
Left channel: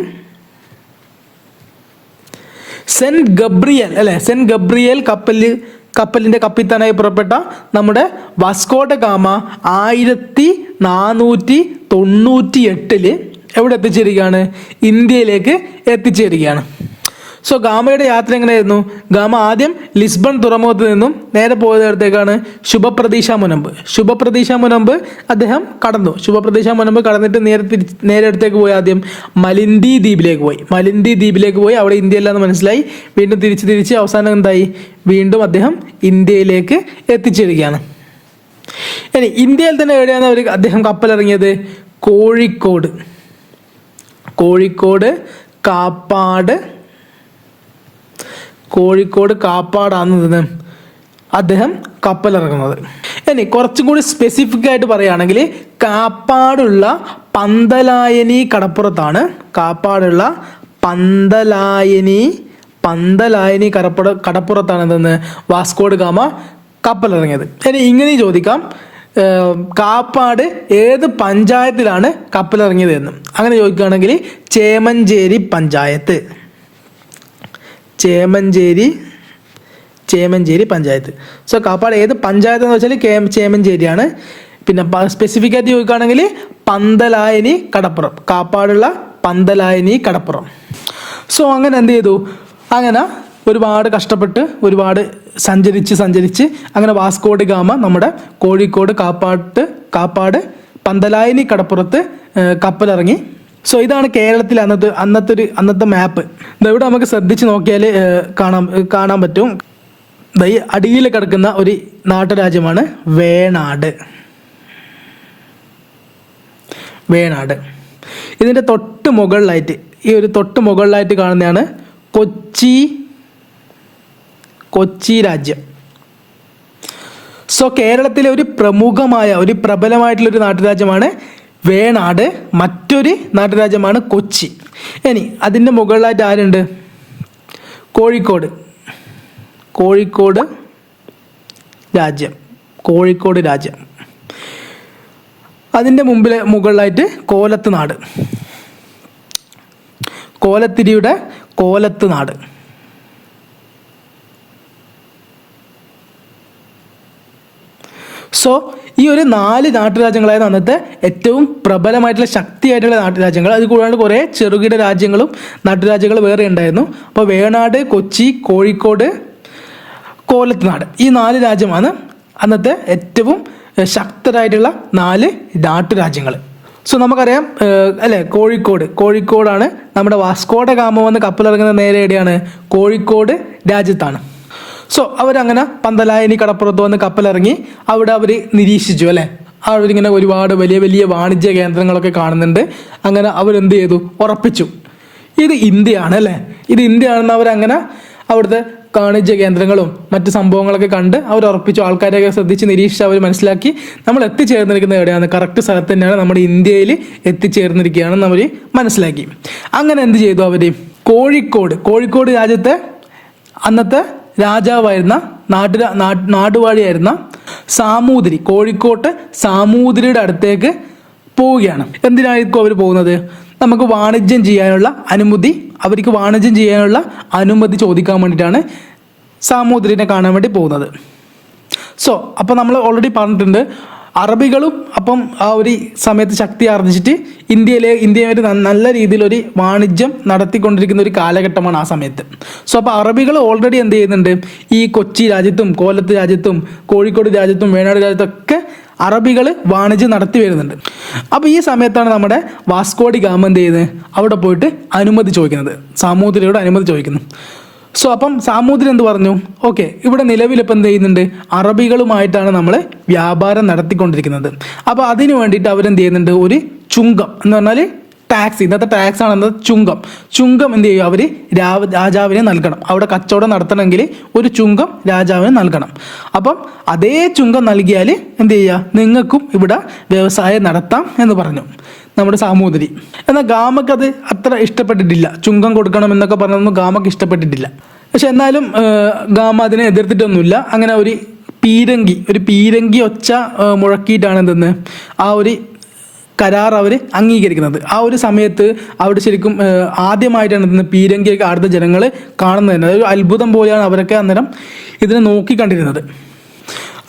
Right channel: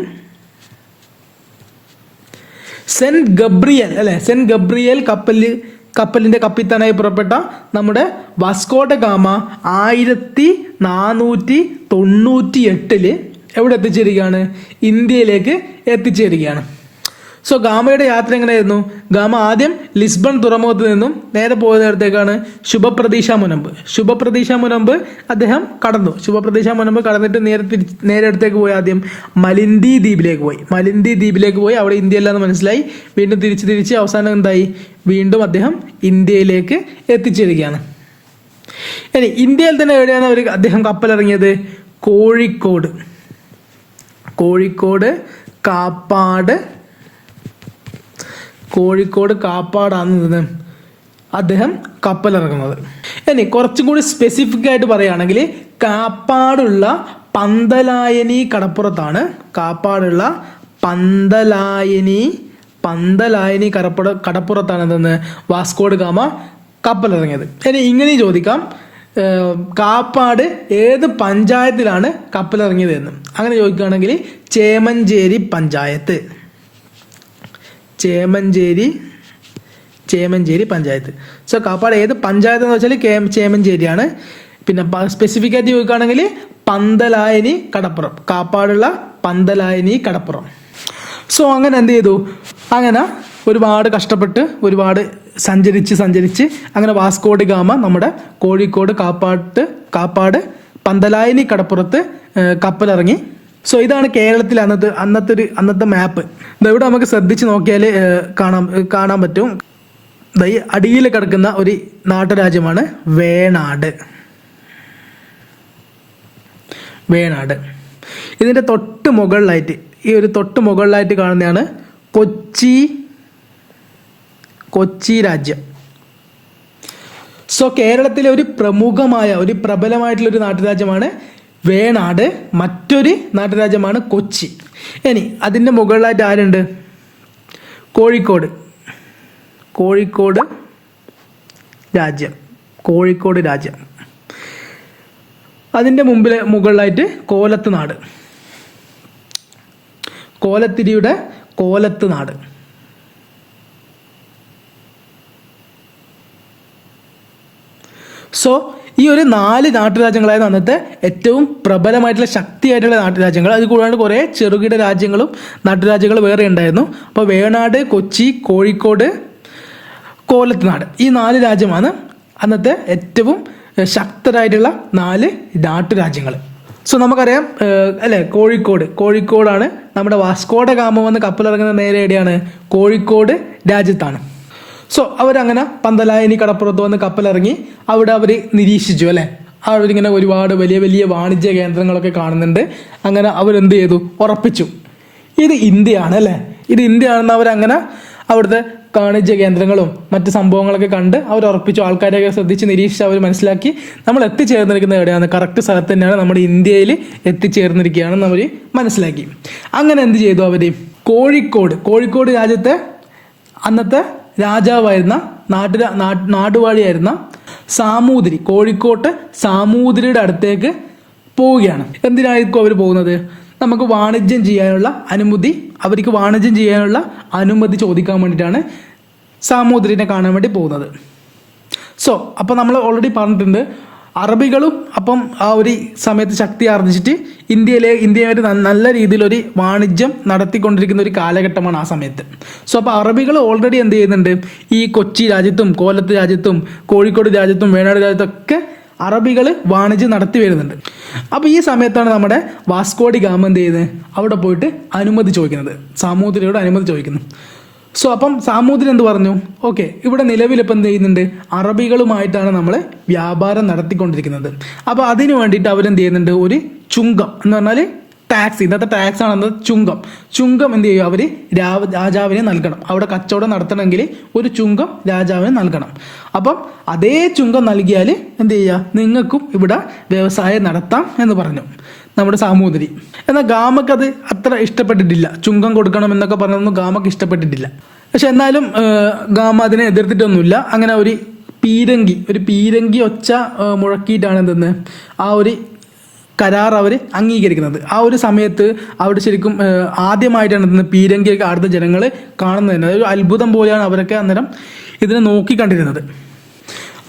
സെന്റ് ഗബ്രിയേൽ കപ്പലിന്റെ കപ്പിത്താനായി പുറപ്പെട്ട നമ്മുടെ വാസ്കോ ഡ ഗാമ 1498 എവിടെ എത്തിച്ചേരുകയാണ്? ഇന്ത്യയിലേക്ക് എത്തിച്ചേരുകയാണ്. സോ ഗാമയുടെ യാത്ര എങ്ങനെയായിരുന്നു? ഗാമ ആദ്യം ലിസ്ബൺ തുറമുഖത്ത് നിന്നും നേരെ പോയതിടത്തേക്കാണ് ശുഭപ്രതീക്ഷ മുനമ്പ് അദ്ദേഹം കടന്നു. ശുഭപ്രതീക്ഷ മുനമ്പ് കടന്നിട്ട് നേരെ അടുത്തേക്ക് പോയി. ആദ്യം മലിന്ദി ദ്വീപിലേക്ക് പോയി. അവിടെ ഇന്ത്യ അല്ലാന്ന് മനസ്സിലായി. വീണ്ടും തിരിച്ച് അവസാനം എന്തായി? വീണ്ടും അദ്ദേഹം ഇന്ത്യയിലേക്ക് എത്തിച്ചേരുകയാണ്. ഇനി ഇന്ത്യയിൽ തന്നെ എവിടെയാണ് അദ്ദേഹം കപ്പലിറങ്ങിയത്? കോഴിക്കോട് കാപ്പാടാണ് അദ്ദേഹം കപ്പലിറങ്ങുന്നത്. ഇനി കുറച്ചും കൂടി സ്പെസിഫിക് ആയിട്ട് പറയുകയാണെങ്കിൽ കാപ്പാടുള്ള പന്തലായനി കടപ്പുറത്താണ്. പന്തലായനി കടപ്പുറത്താണ് എന്തെന്ന് വാസ്കോഡ് ഗാമ കപ്പലിറങ്ങിയത്. ഇനി ഇങ്ങനെ ചോദിക്കാം, കാപ്പാട് ഏത് പഞ്ചായത്തിലാണ് കപ്പലിറങ്ങിയത് എന്നും. അങ്ങനെ ചോദിക്കുകയാണെങ്കിൽ ചേമഞ്ചേരി പഞ്ചായത്ത്. ചേമഞ്ചേരി പഞ്ചായത്ത്. സോ കാപ്പാട് ഏത് പഞ്ചായത്ത് എന്ന് വെച്ചാൽ ചേമഞ്ചേരിയാണ്. പിന്നെ സ്പെസിഫിക് ആയിട്ട് ചോദിക്കുകയാണെങ്കിൽ പന്തലായനി കടപ്പുറം, കാപ്പാടുള്ള പന്തലായനി കടപ്പുറം. സോ അങ്ങനെ എന്ത് ചെയ്തു, അങ്ങനെ ഒരുപാട് കഷ്ടപ്പെട്ട് ഒരുപാട് സഞ്ചരിച്ച് അങ്ങനെ വാസ്കോഡ് ഗാമ നമ്മുടെ കോഴിക്കോട് കാപ്പാട് പന്തലായനി കടപ്പുറത്ത് കപ്പലിറങ്ങി. സോ ഇതാണ് കേരളത്തിൽ അന്നത്തെ മാപ്പ്. ഇവിടെ നമുക്ക് ശ്രദ്ധിച്ച് നോക്കിയാൽ കാണാൻ പറ്റും. ഈ അടിയിൽ കിടക്കുന്ന ഒരു നാട്ടുരാജ്യമാണ് വേണാട്. ഇതിൻ്റെ തൊട്ട് മുകളിലായിട്ട് കാണുന്നതാണ് കൊച്ചി രാജ്യം. സോ കേരളത്തിലെ ഒരു പ്രബലമായിട്ടുള്ള ഒരു നാട്ടുരാജ്യമാണ് വേണാട്. മറ്റൊരു നാട്ടുരാജ്യമാണ് കൊച്ചി. ഇനി അതിൻ്റെ മുകളിലായിട്ട് ആരുണ്ട്? കോഴിക്കോട് രാജ്യം. അതിൻ്റെ മുകളിലായിട്ട് കോലത്തിരിയുടെ കോലത്തുനാട്. സോ ഈ ഒരു 4 നാട്ടുരാജ്യങ്ങളായിരുന്നു അന്നത്തെ ഏറ്റവും പ്രബലമായിട്ടുള്ള ശക്തിയായിട്ടുള്ള നാട്ടുരാജ്യങ്ങൾ. അത് കൂടാണ്ട് കുറേ ചെറുകിട നാട്ടുരാജ്യങ്ങൾ വേറെ ഉണ്ടായിരുന്നു. അപ്പോൾ വേണാട്, കൊച്ചി, കോഴിക്കോട്, കോലത്തുനാട്, ഈ 4 രാജ്യമാണ് അന്നത്തെ ഏറ്റവും ശക്തരായിട്ടുള്ള 4 നാട്ടുരാജ്യങ്ങൾ. സോ നമുക്കറിയാം അല്ലേ, കോഴിക്കോടാണ് നമ്മുടെ വാസ്കോഡ ഗാമ വന്ന് കപ്പലിറങ്ങുന്ന നേരെ എവിടെയാണ്? കോഴിക്കോട് രാജ്യത്താണ്. സോ അവരങ്ങനെ പന്തലായനി കടപ്പുറത്ത് വന്ന് കപ്പലിറങ്ങി. അവിടെ അവർ നിരീക്ഷിച്ചു അല്ലേ, അവരിങ്ങനെ ഒരുപാട് വലിയ വലിയ വാണിജ്യ കേന്ദ്രങ്ങളൊക്കെ കാണുന്നുണ്ട്. അങ്ങനെ അവരെന്ത് ചെയ്തു? ഉറപ്പിച്ചു ഇത് ഇന്ത്യയാണ് അല്ലേ, ഇത് ഇന്ത്യയാണെന്ന് അവരങ്ങനെ അവിടുത്തെ വാണിജ്യ കേന്ദ്രങ്ങളും മറ്റ് സംഭവങ്ങളൊക്കെ കണ്ട് അവർ ഉറപ്പിച്ചു. ആൾക്കാരെയൊക്കെ ശ്രദ്ധിച്ച് നിരീക്ഷിച്ച് അവർ മനസ്സിലാക്കി നമ്മൾ എത്തിച്ചേർന്നിരിക്കുന്നത് എവിടെയാണ്? കറക്റ്റ് സ്ഥലത്ത് തന്നെയാണ്, നമ്മുടെ ഇന്ത്യയിൽ എത്തിച്ചേർന്നിരിക്കുകയാണെന്ന് അവർ മനസ്സിലാക്കി. അങ്ങനെ എന്ത് ചെയ്തു അവർ? കോഴിക്കോട് രാജ്യത്തെ അന്നത്തെ രാജാവായിരുന്ന നാടുവാഴിയായിരുന്ന കോഴിക്കോട്ട് സാമൂതിരിയുടെ അടുത്തേക്ക് പോവുകയാണ്. എന്തിനായിരിക്കും അവർ പോകുന്നത്? അവർക്ക് വാണിജ്യം ചെയ്യാനുള്ള അനുമതി ചോദിക്കാൻ വേണ്ടിയിട്ടാണ് സാമൂതിരിനെ കാണാൻ വേണ്ടി പോകുന്നത്. സോ അപ്പോൾ നമ്മൾ ഓൾറെഡി പറഞ്ഞിട്ടുണ്ട്, അറബികളും അപ്പം ആ ഒരു സമയത്ത് ശക്തി ആർജിച്ചിട്ട് ഇന്ത്യയുമായിട്ട് നല്ല രീതിയിലൊരു വാണിജ്യം നടത്തിക്കൊണ്ടിരിക്കുന്ന ഒരു കാലഘട്ടമാണ് ആ സമയത്ത്. സോ അപ്പോൾ അറബികൾ ഓൾറെഡി എന്ത് ചെയ്യുന്നുണ്ട്? ഈ കൊച്ചി രാജ്യത്തും കോലത്ത് രാജ്യത്തും കോഴിക്കോട് രാജ്യത്തും വേണാട് രാജ്യത്തൊക്കെ അറബികൾ വാണിജ്യം നടത്തി വരുന്നുണ്ട്. അപ്പോൾ ഈ സമയത്താണ് നമ്മുടെ വാസ്കോഡി ഗാമ എന്ത് ചെയ്യുന്നത്? അവിടെ പോയിട്ട് അനുമതി ചോദിക്കുന്നത്, സാമൂതിരിയോട് അനുമതി ചോദിക്കുന്നു. സോ അപ്പം സാമൂതിരി എന്ത് പറഞ്ഞു? ഓക്കെ, ഇവിടെ നിലവിലിപ്പോൾ എന്ത് ചെയ്യുന്നുണ്ട്? അറബികളുമായിട്ടാണ് നമ്മൾ വ്യാപാരം നടത്തിക്കൊണ്ടിരിക്കുന്നത്. അപ്പോൾ അതിനു വേണ്ടിയിട്ട് അവരെന്ത് ചെയ്യുന്നുണ്ട്? ഒരു ചുങ്കം എന്ന് പറഞ്ഞാൽ ടാക്സ്, ഇന്നത്തെ ടാക്സ് ആണെന്നത് ചുങ്കം എന്ത് ചെയ്യും? അവർ രാജാവിന് നൽകണം. അവിടെ കച്ചവടം നടത്തണമെങ്കിൽ ഒരു ചുങ്കം രാജാവിന് നൽകണം. അപ്പം അതേ ചുങ്കം നൽകിയാൽ എന്ത് ചെയ്യുക? നിങ്ങൾക്കും ഇവിടെ വ്യവസായം നടത്താം എന്ന് പറഞ്ഞു നമ്മുടെ സാമൂതിരി. എന്നാൽ ഗാമക്ക് അത് അത്ര ഇഷ്ടപ്പെട്ടിട്ടില്ല. ചുങ്കം കൊടുക്കണം എന്നൊക്കെ പറഞ്ഞതൊന്നും ഗാമക്ക് ഇഷ്ടപ്പെട്ടിട്ടില്ല. പക്ഷെ എന്നാലും ഗാമ അതിനെ എതിർത്തിട്ടൊന്നുമില്ല. അങ്ങനെ ഒരു പീരങ്കി ഒച്ച മുഴക്കിയിട്ടാണ് എന്തെന്ന് ആ ഒരു കരാർ അവർ അംഗീകരിക്കുന്നത്. ആ ഒരു സമയത്ത് അവിടെ ശരിക്കും ആദ്യമായിട്ടാണ് എന്തെന്ന് പീരങ്കിയൊക്കെ അവിടുത്തെ ജനങ്ങൾ കാണുന്നത് തന്നെ. അതൊരു അത്ഭുതം പോലെയാണ് അവരൊക്കെ അന്നേരം ഇതിനെ നോക്കിക്കണ്ടിരുന്നത്.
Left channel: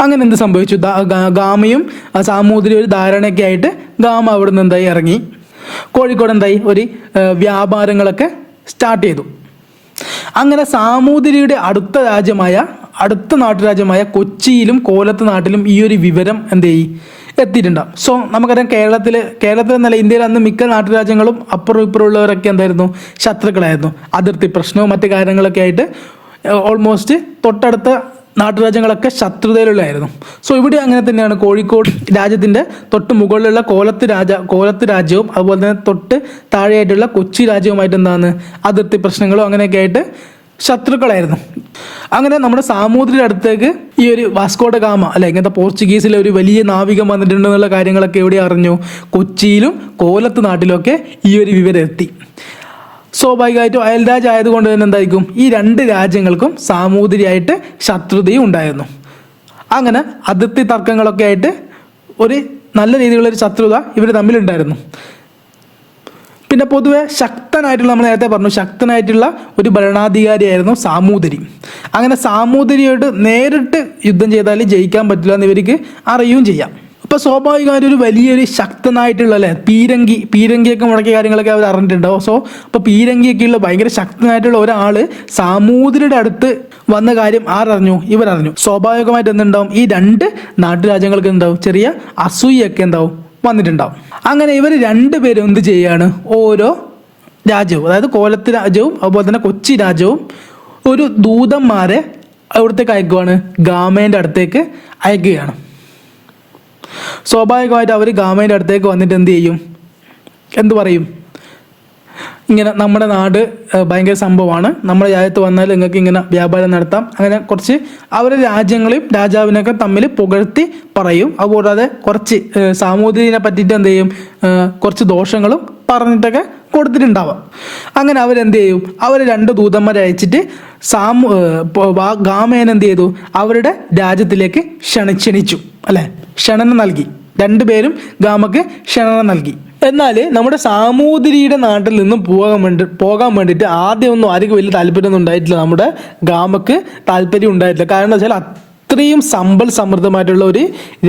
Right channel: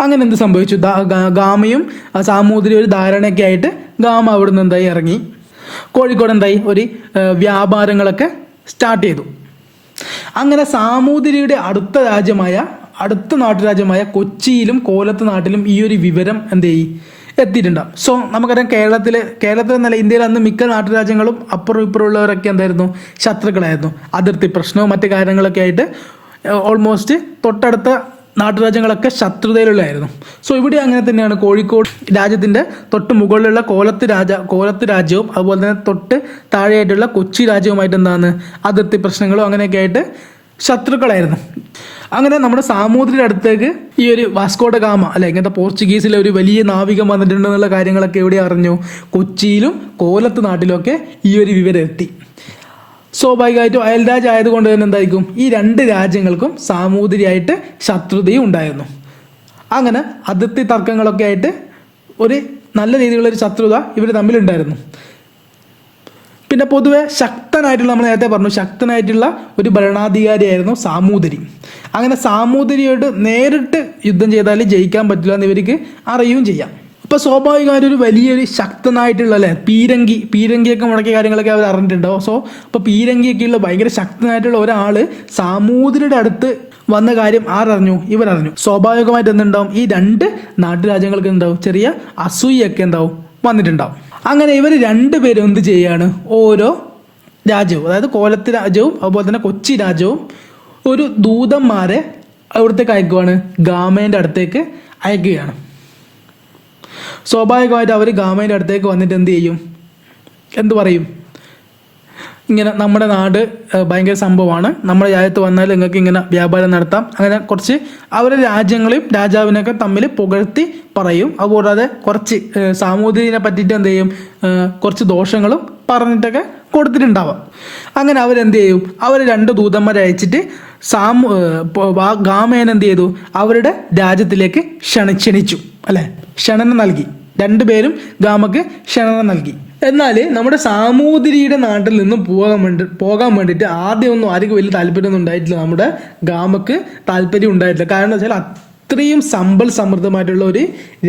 അങ്ങനെ എന്ത് സംഭവിച്ചു? ഗാമയും സാമൂതിരി ഒരു ധാരണയൊക്കെ ആയിട്ട് ഗാമ അവിടെ നിന്ന് എന്തായി ഇറങ്ങി. കോഴിക്കോട് എന്തായി ഒരു വ്യാപാരങ്ങളൊക്കെ സ്റ്റാർട്ട് ചെയ്തു. അങ്ങനെ സാമൂതിരിയുടെ അടുത്ത നാട്ടുരാജ്യമായ കൊച്ചിയിലും കോലത്ത് നാട്ടിലും ഈ ഒരു വിവരം എന്ത് ചെയ്യും എത്തിയിട്ടുണ്ടാവും. സോ നമുക്കറിയാം കേരളത്തിൽ എന്നല്ല ഇന്ത്യയിൽ അന്ന് മിക്ക നാട്ടുരാജ്യങ്ങളും അപ്പുറം ഇപ്പുറം ഉള്ളവരൊക്കെ എന്തായിരുന്നു? ശത്രുക്കളായിരുന്നു. അതിർത്തി പ്രശ്നവും മറ്റു കാര്യങ്ങളൊക്കെ ആയിട്ട് ഓൾമോസ്റ്റ് തൊട്ടടുത്ത നാട്ടുരാജ്യങ്ങളൊക്കെ ശത്രുതയിലുള്ളായിരുന്നു. സോ ഇവിടെ അങ്ങനെ തന്നെയാണ്. കോഴിക്കോട് രാജ്യത്തിൻ്റെ തൊട്ട് മുകളിലുള്ള കോലത്ത് രാജ്യവും അതുപോലെ തന്നെ തൊട്ട് താഴെയായിട്ടുള്ള കൊച്ചി രാജ്യവുമായിട്ട് എന്താണ് അതിർത്തി പ്രശ്നങ്ങളും അങ്ങനെയൊക്കെ ആയിട്ട് ശത്രുക്കളായിരുന്നു. അങ്ങനെ നമ്മുടെ സാമൂതിരിയുടെ അടുത്തേക്ക് ഈ ഒരു വാസ്കോഡ ഗാമ ഇങ്ങനത്തെ പോർച്ചുഗീസിലെ ഒരു വലിയ നാവികം വന്നിട്ടുണ്ടെന്നുള്ള കാര്യങ്ങളൊക്കെ എവിടെ അറിഞ്ഞു? കൊച്ചിയിലും കോലത്ത് നാട്ടിലൊക്കെ ഈ ഒരു വിവരം എത്തി. സ്വാഭാവികമായിട്ടും അയൽരാജ്യം ആയതുകൊണ്ട് തന്നെ എന്തായിരിക്കും ഈ രണ്ട് രാജ്യങ്ങൾക്കും സാമൂതിരിയായിട്ട് ശത്രുതയും ഉണ്ടായിരുന്നു. അങ്ങനെ അതിർത്തി തർക്കങ്ങളൊക്കെ ആയിട്ട് ഒരു നല്ല രീതിയിലുള്ള ഒരു ശത്രുത ഇവർ തമ്മിലുണ്ടായിരുന്നു. പിന്നെ പൊതുവെ ശക്തനായിട്ടുള്ള, നമ്മൾ നേരത്തെ പറഞ്ഞു, ശക്തനായിട്ടുള്ള ഒരു ഭരണാധികാരിയായിരുന്നു സാമൂതിരി. അങ്ങനെ സാമൂതിരിയോട് നേരിട്ട് യുദ്ധം ചെയ്താൽ ജയിക്കാൻ പറ്റില്ല എന്ന് ഇവർക്ക് അറിയുകയും ചെയ്യാം. അപ്പോൾ സ്വാഭാവികമായിട്ട് ഒരു വലിയൊരു ശക്തനായിട്ടുള്ള അല്ലേ പീരങ്കിയൊക്കെ മുടക്കിയ കാര്യങ്ങളൊക്കെ അവർ അറിഞ്ഞിട്ടുണ്ടാവും. അപ്പോൾ പീരങ്കിയൊക്കെയുള്ള ഭയങ്കര ശക്തനായിട്ടുള്ള ഒരാൾ സാമൂതിരിയുടെ അടുത്ത് വന്ന കാര്യം ആരറിഞ്ഞു? ഇവരറിഞ്ഞു. സ്വാഭാവികമായിട്ട് എന്തുണ്ടാവും? ഈ രണ്ട് നാട്ടുരാജ്യങ്ങൾക്ക് എന്താവും? ചെറിയ അസൂയൊക്കെ എന്താവും? വന്നിട്ടുണ്ടാവും. അങ്ങനെ ഇവർ രണ്ടുപേരും എന്ത് ചെയ്യാണ്? ഓരോ രാജ്യവും, അതായത് കോലത്ത് രാജ്യവും അതുപോലെ തന്നെ കൊച്ചി രാജ്യവും ഒരു ദൂതന്മാരെ അവിടത്തേക്ക് അയക്കുവാണ്, ഗാമേൻ്റെ അടുത്തേക്ക് അയക്കുകയാണ്. സ്വാഭാവികമായിട്ട് അവർ ഗാമേൻ്റെ അടുത്തേക്ക് വന്നിട്ട് എന്ത് ചെയ്യും? എന്തു പറയും? ഇങ്ങനെ നമ്മുടെ നാട് ഭയങ്കര സംഭവമാണ്, നമ്മുടെ രാജ്യത്ത് വന്നാൽ നിങ്ങൾക്ക് ഇങ്ങനെ വ്യാപാരം നടത്താം, അങ്ങനെ കുറച്ച് അവരുടെ രാജ്യങ്ങളെയും രാജാവിനൊക്കെ തമ്മിൽ പുകഴ്ത്തി പറയും. അതുകൂടാതെ കുറച്ച് സാമൂതിരിനെ പറ്റിയിട്ട് എന്ത് ചെയ്യും? കുറച്ച് ദോഷങ്ങളും പറഞ്ഞിട്ടൊക്കെ കൊടുത്തിട്ടുണ്ടാവാം. അങ്ങനെ അവരെന്ത് ചെയ്യും? അവർ രണ്ട് ദൂതന്മാരെ അയച്ചിട്ട് ഗാമേൻ എന്ത് ചെയ്തു? അവരുടെ രാജ്യത്തിലേക്ക് ക്ഷണിച്ചു അല്ലെ, ക്ഷണന നൽകി. രണ്ടുപേരും ഗാമക്ക് ക്ഷണന നൽകി. എന്നാൽ നമ്മുടെ സാമൂതിരിയുടെ നാട്ടിൽ നിന്നും പോകാൻ വേണ്ടിയിട്ട് ആദ്യമൊന്നും ആർക്കും വലിയ താല്പര്യമൊന്നും ഉണ്ടായിട്ടില്ല. നമ്മുടെ ഗാമക്ക് താല്പര്യം ഉണ്ടായിട്ടില്ല. കാരണം എന്താ വെച്ചാൽ അത്രയും സമ്പൽ സമൃദ്ധമായിട്ടുള്ള ഒരു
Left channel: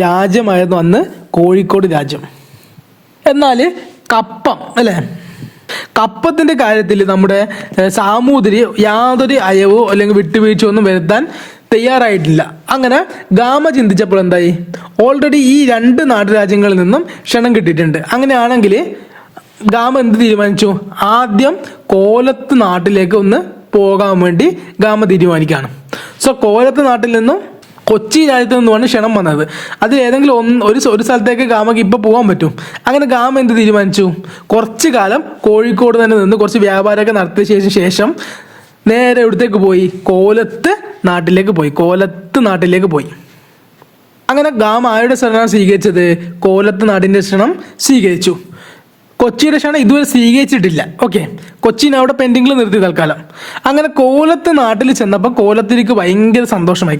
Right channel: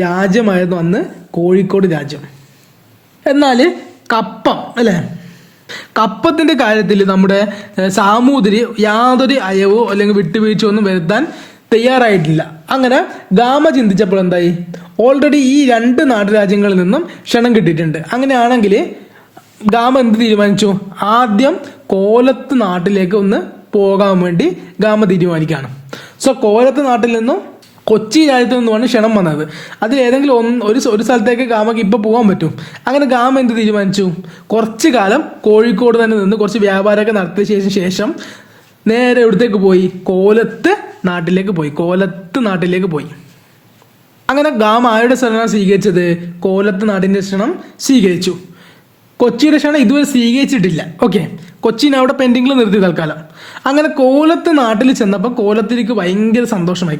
രാജ്യമായിരുന്നു അന്ന് കോഴിക്കോട് രാജ്യം. എന്നാൽ കപ്പം അല്ലേ, കപ്പത്തിന്റെ കാര്യത്തിൽ നമ്മുടെ സാമൂതിരി യാതൊരു അയവോ അല്ലെങ്കിൽ വിട്ടുവീഴ്ചയോ ഒന്നും വരുത്താൻ തയ്യാറായിട്ടില്ല. അങ്ങനെ ഗാമ ചിന്തിച്ചപ്പോൾ എന്തായി? ഓൾറെഡി ഈ രണ്ട് നാട്ടുരാജ്യങ്ങളിൽ നിന്നും ക്ഷണം കിട്ടിയിട്ടുണ്ട്. അങ്ങനെയാണെങ്കിൽ ഗാമ എന്ത് തീരുമാനിച്ചു? ആദ്യം കോലത്ത് നാട്ടിലേക്ക് ഒന്ന് പോകാൻ വേണ്ടി ഗാമ തീരുമാനിക്കുകയാണ്. കോലത്ത് നാട്ടിൽ നിന്നും കൊച്ചി രാജ്യത്ത് നിന്നുമാണ് ക്ഷണം വന്നത്. അതിൽ ഏതെങ്കിലും ഒരു സ്ഥലത്തേക്ക് ഗാമക്ക് ഇപ്പോൾ പോകാൻ പറ്റും. അങ്ങനെ ഗാമ എന്ത് തീരുമാനിച്ചു? കുറച്ചു കാലം കോഴിക്കോട് തന്നെ നിന്ന് കുറച്ച് വ്യാപാരമൊക്കെ നടത്തിയ ശേഷം നേരെ എവിടത്തേക്ക് പോയി? കോലത്ത് നാട്ടിലേക്ക് പോയി. അങ്ങനെ ഗാമ ആരുടെ ക്ഷണം സ്വീകരിച്ചത്? കോലത്ത് നാടിന്റെ ക്ഷണം സ്വീകരിച്ചു. കൊച്ചിയുടെ ക്ഷണം ഇതുവരെ സ്വീകരിച്ചിട്ടില്ല. ഓക്കെ, കൊച്ചിനെ അവിടെ പെൻഡിങ്ങിൽ നിർത്തി തൽക്കാലം. അങ്ങനെ കോലത്ത് നാട്ടിൽ ചെന്നപ്പോൾ കോലത്തിരിക്ക് ഭയങ്കര സന്തോഷമായി.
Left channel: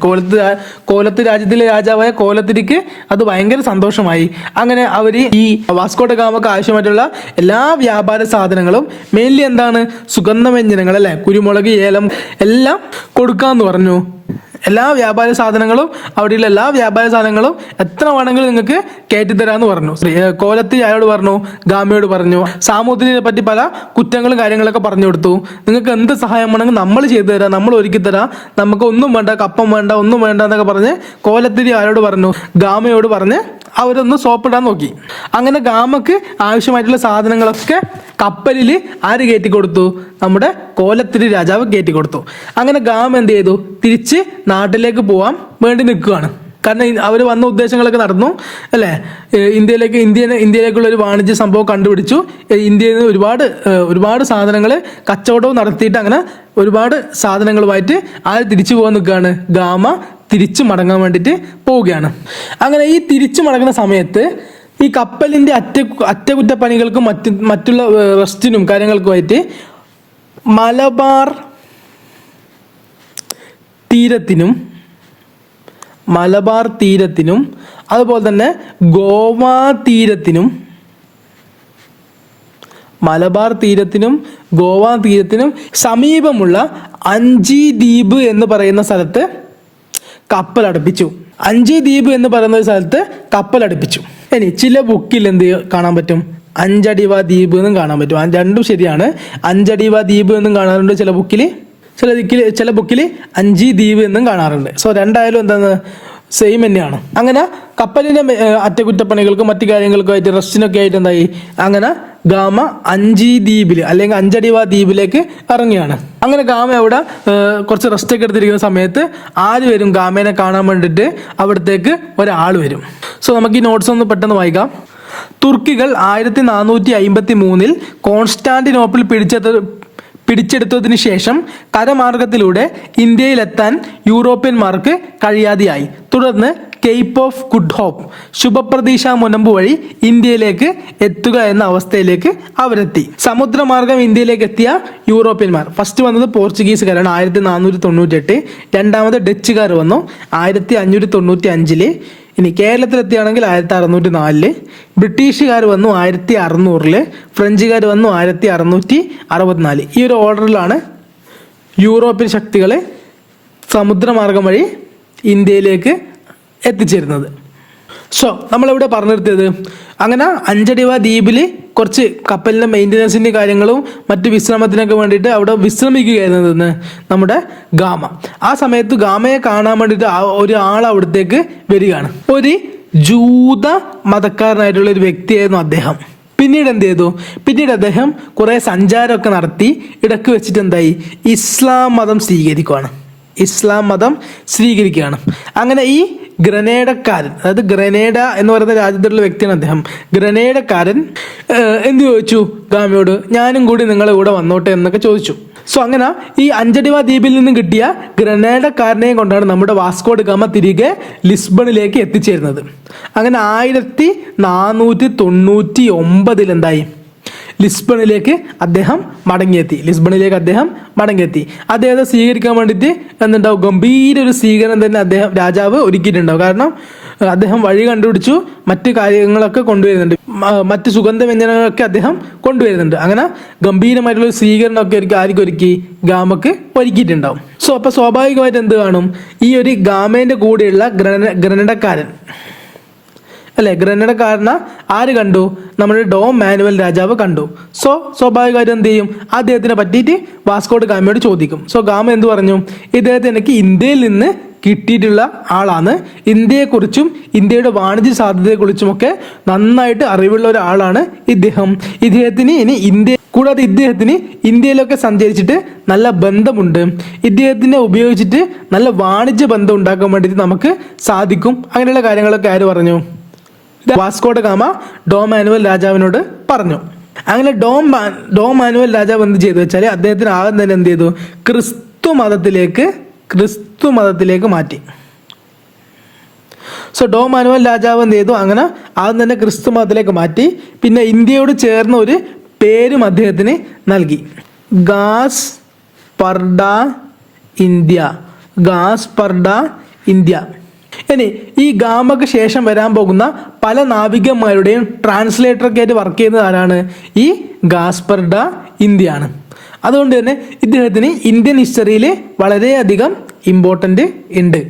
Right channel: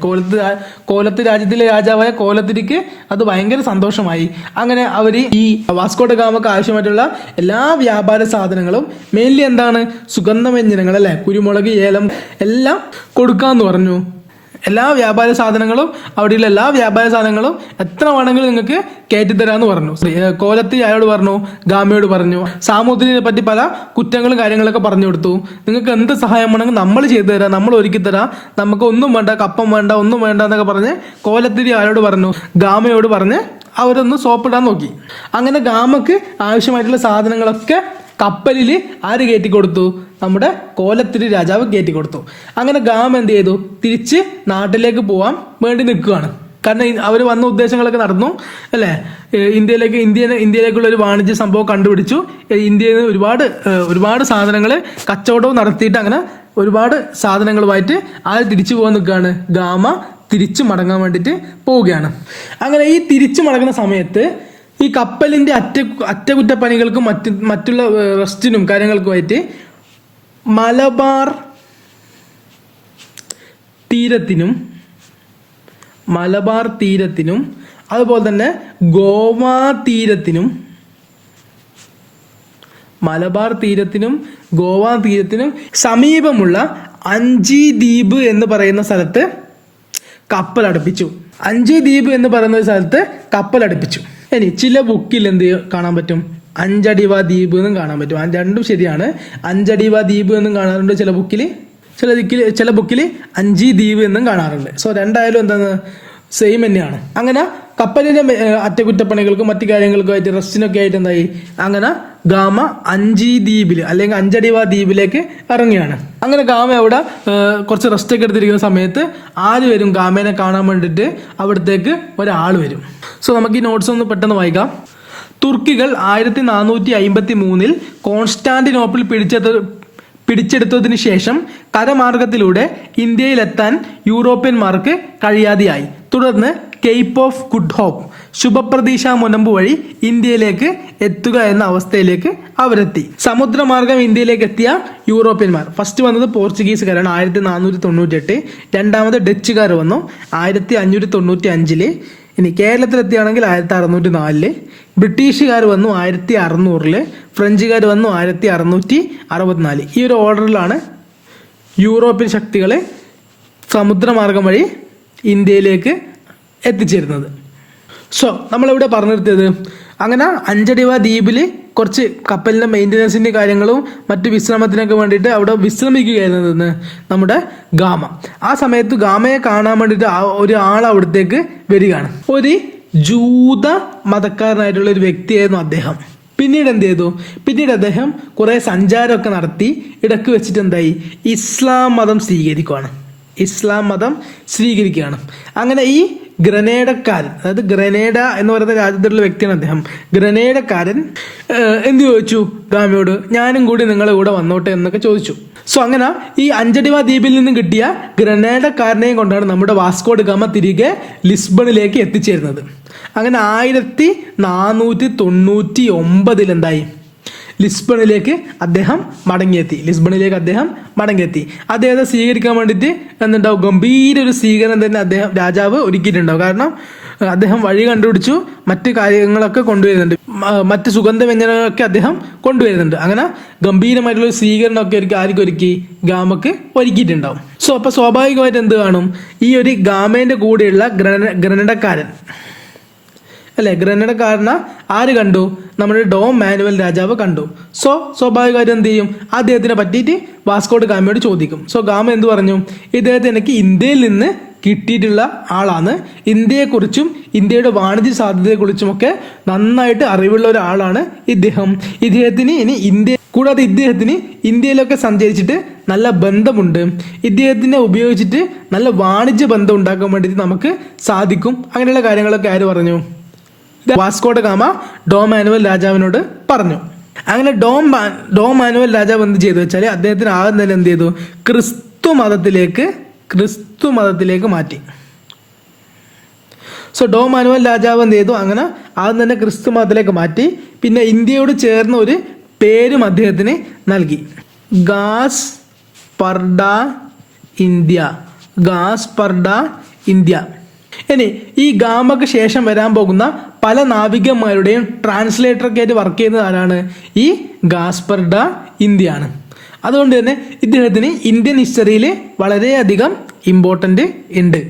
കോലത്ത് രാജ്യത്തിലെ രാജാവായ കോലത്തിരിക്ക് അത് ഭയങ്കര സന്തോഷമായി. അങ്ങനെ അവർ ഈ വാസ്കോഡ ഗാമക്ക് ആവശ്യമായിട്ടുള്ള എല്ലാ വ്യാപാര സാധനങ്ങളും, മെയിൻലി എന്താണ്, സുഗന്ധവ്യഞ്ജനങ്ങൾ അല്ലെ, കുരുമുളക്, ഏലം എല്ലാം കൊടുക്കാന്ന് പറഞ്ഞു. എല്ലാ വ്യാപാര സാധനങ്ങളും, അവിടെയുള്ള എല്ലാ വ്യാപാര സാധനങ്ങളും എത്ര വേണമെങ്കിലും നിങ്ങൾക്ക് കയറ്റിത്തരാന്ന് പറഞ്ഞു. കോലത്ത് അയാളോട് പറഞ്ഞു, ഗാമയോട് പറഞ്ഞു, സാമൂതിരിയെ പറ്റി പല കുറ്റങ്ങളും കാര്യങ്ങളൊക്കെ പറഞ്ഞു കൊടുത്തു. നിങ്ങൾക്ക് എന്ത് സഹായം വേണമെങ്കിൽ നമ്മൾ ചെയ്തു തരാം, നമ്മൾ ഒരുക്കി തരാം, നമുക്ക് ഒന്നും വേണ്ട, കപ്പം വേണ്ട, ഒന്നും വേണ്ട എന്നൊക്കെ പറഞ്ഞ് കോലത്തിരി അയാളോട് പറഞ്ഞു, ഗാമയോട് പറഞ്ഞ് അവരൊന്ന് സോപ്പിടാൻ നോക്കി. അങ്ങനെ ഗാമക്ക് ആവശ്യമായിട്ടുള്ള സാധനങ്ങളൊക്കെ കപ്പലിൽ ആര് കയറ്റി കൊടുത്തു? നമ്മുടെ കോലത്തിരി രാജാവ് കയറ്റി കൊടുത്തു. അങ്ങനെ ഗാമ എന്ത് ചെയ്തു? തിരിച്ച് നാട്ടിലേക്ക് പോകാൻ വേണ്ടി നിൽക്കുകയാണ്. കാരണം അവർ വന്ന ഉദ്ദേശങ്ങളൊക്കെ നടന്നു അല്ലേ. ഇന്ത്യയിലേക്കുള്ള ഒരു വാണിജ്യ സംഭവം കണ്ടുപിടിച്ചു. ഇന്ത്യയിൽ നിന്ന് ഒരുപാട് സാധനങ്ങൾ കച്ചവടവും നടത്തിയിട്ട് അങ്ങനെ ഒരുപാട് സാധനങ്ങളുമായിട്ട് ആര് തിരിച്ചു പോകാൻ നിൽക്കുകയാണ്? ഗാമ തിരിച്ചു മടങ്ങാൻ വേണ്ടിയിട്ട് പോവുകയാണ്. അങ്ങനെ ഈ തിരിച്ചു മടങ്ങുന്ന സമയത്ത് ഈ കപ്പലിന്റെ അറ്റകുറ്റപ്പണികൾക്കും മറ്റുള്ള റെസ്റ്റിനും കാര്യങ്ങൾക്കുമായിട്ട് മലബാർ തീരത്തിനും അതുപോലെ തന്നെ ഗോവ തീരത്തിനും സമീപമുള്ള അഞ്ചി ദ്വീപ് എന്ന് പറയുന്ന സ്ഥലത്ത് കപ്പലടുപ്പിച്ചു. ഇനി ചില ബുക്കിൽ എന്ത് കാണാൻ പറ്റും? അഞ്ചടിവ ദ്വീപ് എന്നും കാണാൻ പറ്റും. രണ്ടും ശരിയാണ്. അഞ്ചടിവ ദ്വീപ് എന്നും കാണാറുണ്ട് ചില ബുക്കിൽ അഞ്ചി ദ്വീപ് എന്നും കാണാറുണ്ട്. രണ്ടായാലും എന്താണ്, സെയിം തന്നെയാണ്. അങ്ങനെ കപ്പലിന്റെ അറ്റകുറ്റപ്പണികൾക്കും മറ്റു കാര്യങ്ങൾക്കുമായിട്ട് റെസ്റ്റിനൊക്കെ ആയിട്ട് എന്തായി? അങ്ങനെ ഗാമ അഞ്ചി ദ്വീപിൽ അല്ലെങ്കിൽ അഞ്ചടിവ ദ്വീപിലേക്ക് ഇറങ്ങിയാണ്. അങ്ങനെ ഗാമ അവിടെ കുറച്ച് റെസ്റ്റ് ഒക്കെ എടുത്തിരിക്കുന്ന സമയത്ത് ആര് വരും? ഗാമേനെ കാണാൻ വേണ്ടിയിട്ട് അവിടത്തേക്ക് ഒരാൾ വരും. നമുക്ക് ഈ നോട്ട്സ് ഒന്ന് പെട്ടെന്ന് വായിക്കാം. തുർക്കികൾ 1453 കോൺസ്റ്റാന്റിനോപ്പിൾ പിടിച്ചെടുത്തതിനു ശേഷം കരമാർഗത്തിലൂടെ ഇന്ത്യയിലെത്താൻ യൂറോപ്യന്മാർക്ക് കഴിയാതെയായി. തുടർന്ന് കേപ്പ് ഓഫ് ഗുഡ് ഹോപ്പ്, ശുഭപ്രതീക്ഷ മുനമ്പ് വഴി ഇന്ത്യയിലേക്ക് എത്തുക എന്ന അവസ്ഥയിലേക്ക് അവരെത്തി. സമുദ്രമാർഗം ഇന്ത്യയിലേക്ക് എത്തിയ യൂറോപ്യന്മാർ ഫസ്റ്റ് വന്നത് പോർച്ചുഗീസുകാരാണ് 1498, രണ്ടാമത് ഡച്ചുകാർ വന്നു 1595. ഇനി കേരളത്തിലെത്തിയാണെങ്കിൽ 1604, ബ്രിട്ടീഷുകാർ വന്നു 1600, ഫ്രഞ്ചുകാർ വന്നു 1664. ഈ ഒരു ഓർഡറിലാണ് യൂറോപ്യൻ ശക്തികൾ സമുദ്രമാർഗം വഴി ഇന്ത്യയിലേക്ക് എത്തിച്ചേരുന്നത്. സോ നമ്മളിവിടെ പറഞ്ഞു നിർത്തിയത് അങ്ങനെ അഞ്ചടിവ ദ്വീപിൽ കുറച്ച് കപ്പലിൻ്റെ മെയിൻ്റനൻസിൻ്റെ കാര്യങ്ങളും മറ്റ് വിശ്രമത്തിനൊക്കെ വേണ്ടിയിട്ട് അവിടെ വിശ്രമിക്കുകയായിരുന്നു നമ്മുടെ ഗാമ. ആ സമയത്ത് ഗാമയെ കാണാൻ വേണ്ടിയിട്ട് ഒരാൾ അവിടത്തേക്ക് വരികയാണ്. ഒരു ജൂത മതക്കാരനായിട്ടുള്ള ഒരു വ്യക്തിയായിരുന്നു അദ്ദേഹം. പിന്നീട് എന്ത് ചെയ്തു? പിന്നീട് അദ്ദേഹം കുറേ സഞ്ചാരമൊക്കെ നടത്തി ഇടയ്ക്ക് വെച്ചിട്ട് എന്തായി, ഇസ്ലാം മതം സ്വീകരിക്കുകയാണ്. അങ്ങനെ ഈ ഗ്രനേഡക്കാരൻ, അതായത് ഗ്രനേഡ എന്ന് പറയുന്ന രാജ്യത്തുള്ള വ്യക്തിയാണ് അദ്ദേഹം. ഗ്രനേഡക്കാരൻ എന്ത് ചോദിച്ചു ഗാമയോട്, ഞാനും കൂടി നിങ്ങളെ കൂടെ വന്നോട്ടെ എന്നൊക്കെ ചോദിച്ചു. സോ അങ്ങനെ ഈ അഞ്ചടിവ ദ്വീപിൽ നിന്നും കിട്ടിയ ഗ്രനേഡക്കാരനെയും കൊണ്ടാണ് നമ്മുടെ വാസ്കോ ഡ ഗാമ തിരികെ ലിസ്ബണിലേക്ക് എത്തിച്ചേരുന്നത്. അങ്ങനെ 1499 എന്തായി, ലിസ്ബണിലേക്ക് അദ്ദേഹം മടങ്ങിയെത്തി. അദ്ദേഹത്തെ സ്വീകരിക്കാൻ വേണ്ടിയിട്ട് എന്തുണ്ടാവും, ഗംഭീര ഒരു സ്വീകരണം തന്നെ രാജാവ് ഒരുക്കിയിട്ടുണ്ടാവും. കാരണം അദ്ദേഹം വഴി കണ്ടുപിടിച്ചു, മറ്റു കാര്യങ്ങളൊക്കെ കൊണ്ടുവരുന്നുണ്ട്, മറ്റ് സുഗന്ധ വ്യഞ്ജനങ്ങളൊക്കെ അദ്ദേഹം കൊണ്ടുവരുന്നുണ്ട്. അങ്ങനെ ഗംഭീരമായിട്ടുള്ള സ്വീകരണമൊക്കെ ആർക്കും ഒരുക്കി, ഗാമക്ക് ഒരുക്കിയിട്ടുണ്ടാവും. സോ അപ്പൊ സ്വാഭാവികമായിട്ട് എന്ത് കാണും, ഈ ഒരു ഗാമേന്റെ കൂടെയുള്ള ഗ്രനഡക്കാരൻ ഗ്രനഡക്കാരനെ ആര് കണ്ടു, നമ്മുടെ ഡോം മാനുവൽ രാജാവ് കണ്ടു. സോ സ്വാഭാവികമായിട്ട് എന്ത് ചെയ്യും, അദ്ദേഹത്തിനെ പറ്റിയിട്ട് വാസ്കോ ഡ ഗാമയോട് ചോദിക്കും. സോ ഗാമ എന്ത് പറഞ്ഞു, ഇദ്ദേഹത്തെ എനിക്ക് ഇന്ത്യയിൽ നിന്ന് കിട്ടിയിട്ടുള്ള ആളാണ്, ഇന്ത്യയെക്കുറിച്ചും ഇന്ത്യയുടെ വാണിജ്യ സാധ്യതയെക്കുറിച്ചുമൊക്കെ നന്നായിട്ട് അറിവുള്ള ഒരാളാണ് ഇദ്ദേഹത്തിന് ഇന്ത്യയിലൊക്കെ സഞ്ചരിച്ചിട്ട് നല്ല ബന്ധമുണ്ട്, ഇദ്ദേഹത്തിനെ ഉപയോഗിച്ചിട്ട് നല്ല വാണിജ്യ ബന്ധം ഉണ്ടാക്കാൻ വേണ്ടിയിട്ട് നമുക്ക് സാധിക്കും. അങ്ങനെയുള്ള കാര്യങ്ങളൊക്കെ ആര് പറഞ്ഞു, Vasco da Gama Dom Manuel രാജാവിനോട് പറഞ്ഞു. അങ്ങനെ ഡോം മാനുവൽ രാജാവ് എന്ത് ചെയ്തു വെച്ചാൽ അദ്ദേഹത്തിന് ആദ്യം തന്നെ എന്ത് ചെയ്തു, ക്രിസ്തു മതത്തിലേക്ക് മാറ്റി. സോ ഡോം മാനുവൽ രാജാവ് എന്ത് ചെയ്തു, അങ്ങനെ ആദ്യം തന്നെ ക്രിസ്തു മതത്തിലേക്ക് മാറ്റി. പിന്നെ ഇന്ത്യയോട് ചേർന്ന ഒരു പേരും അദ്ദേഹത്തിന് നൽകി, ഗാസ് പർഡ ഇന്ത്യ. ഇനി ഈ ഗാമക്ക് ശേഷം വരാൻ പോകുന്ന പല നാവികന്മാരുടെയും ട്രാൻസ്ലേറ്ററൊക്കെ ആയിട്ട് വർക്ക് ചെയ്യുന്നത് ആരാണ്, ഈ ഗാസ്പർ ഡ ഇന്ത്യ ആണ്. അതുകൊണ്ട് തന്നെ ഇദ്ദേഹത്തിന് ഇന്ത്യൻ ഹിസ്റ്ററിയിൽ വളരെയധികം ഇമ്പോർട്ടൻ്റ് ഉണ്ട്.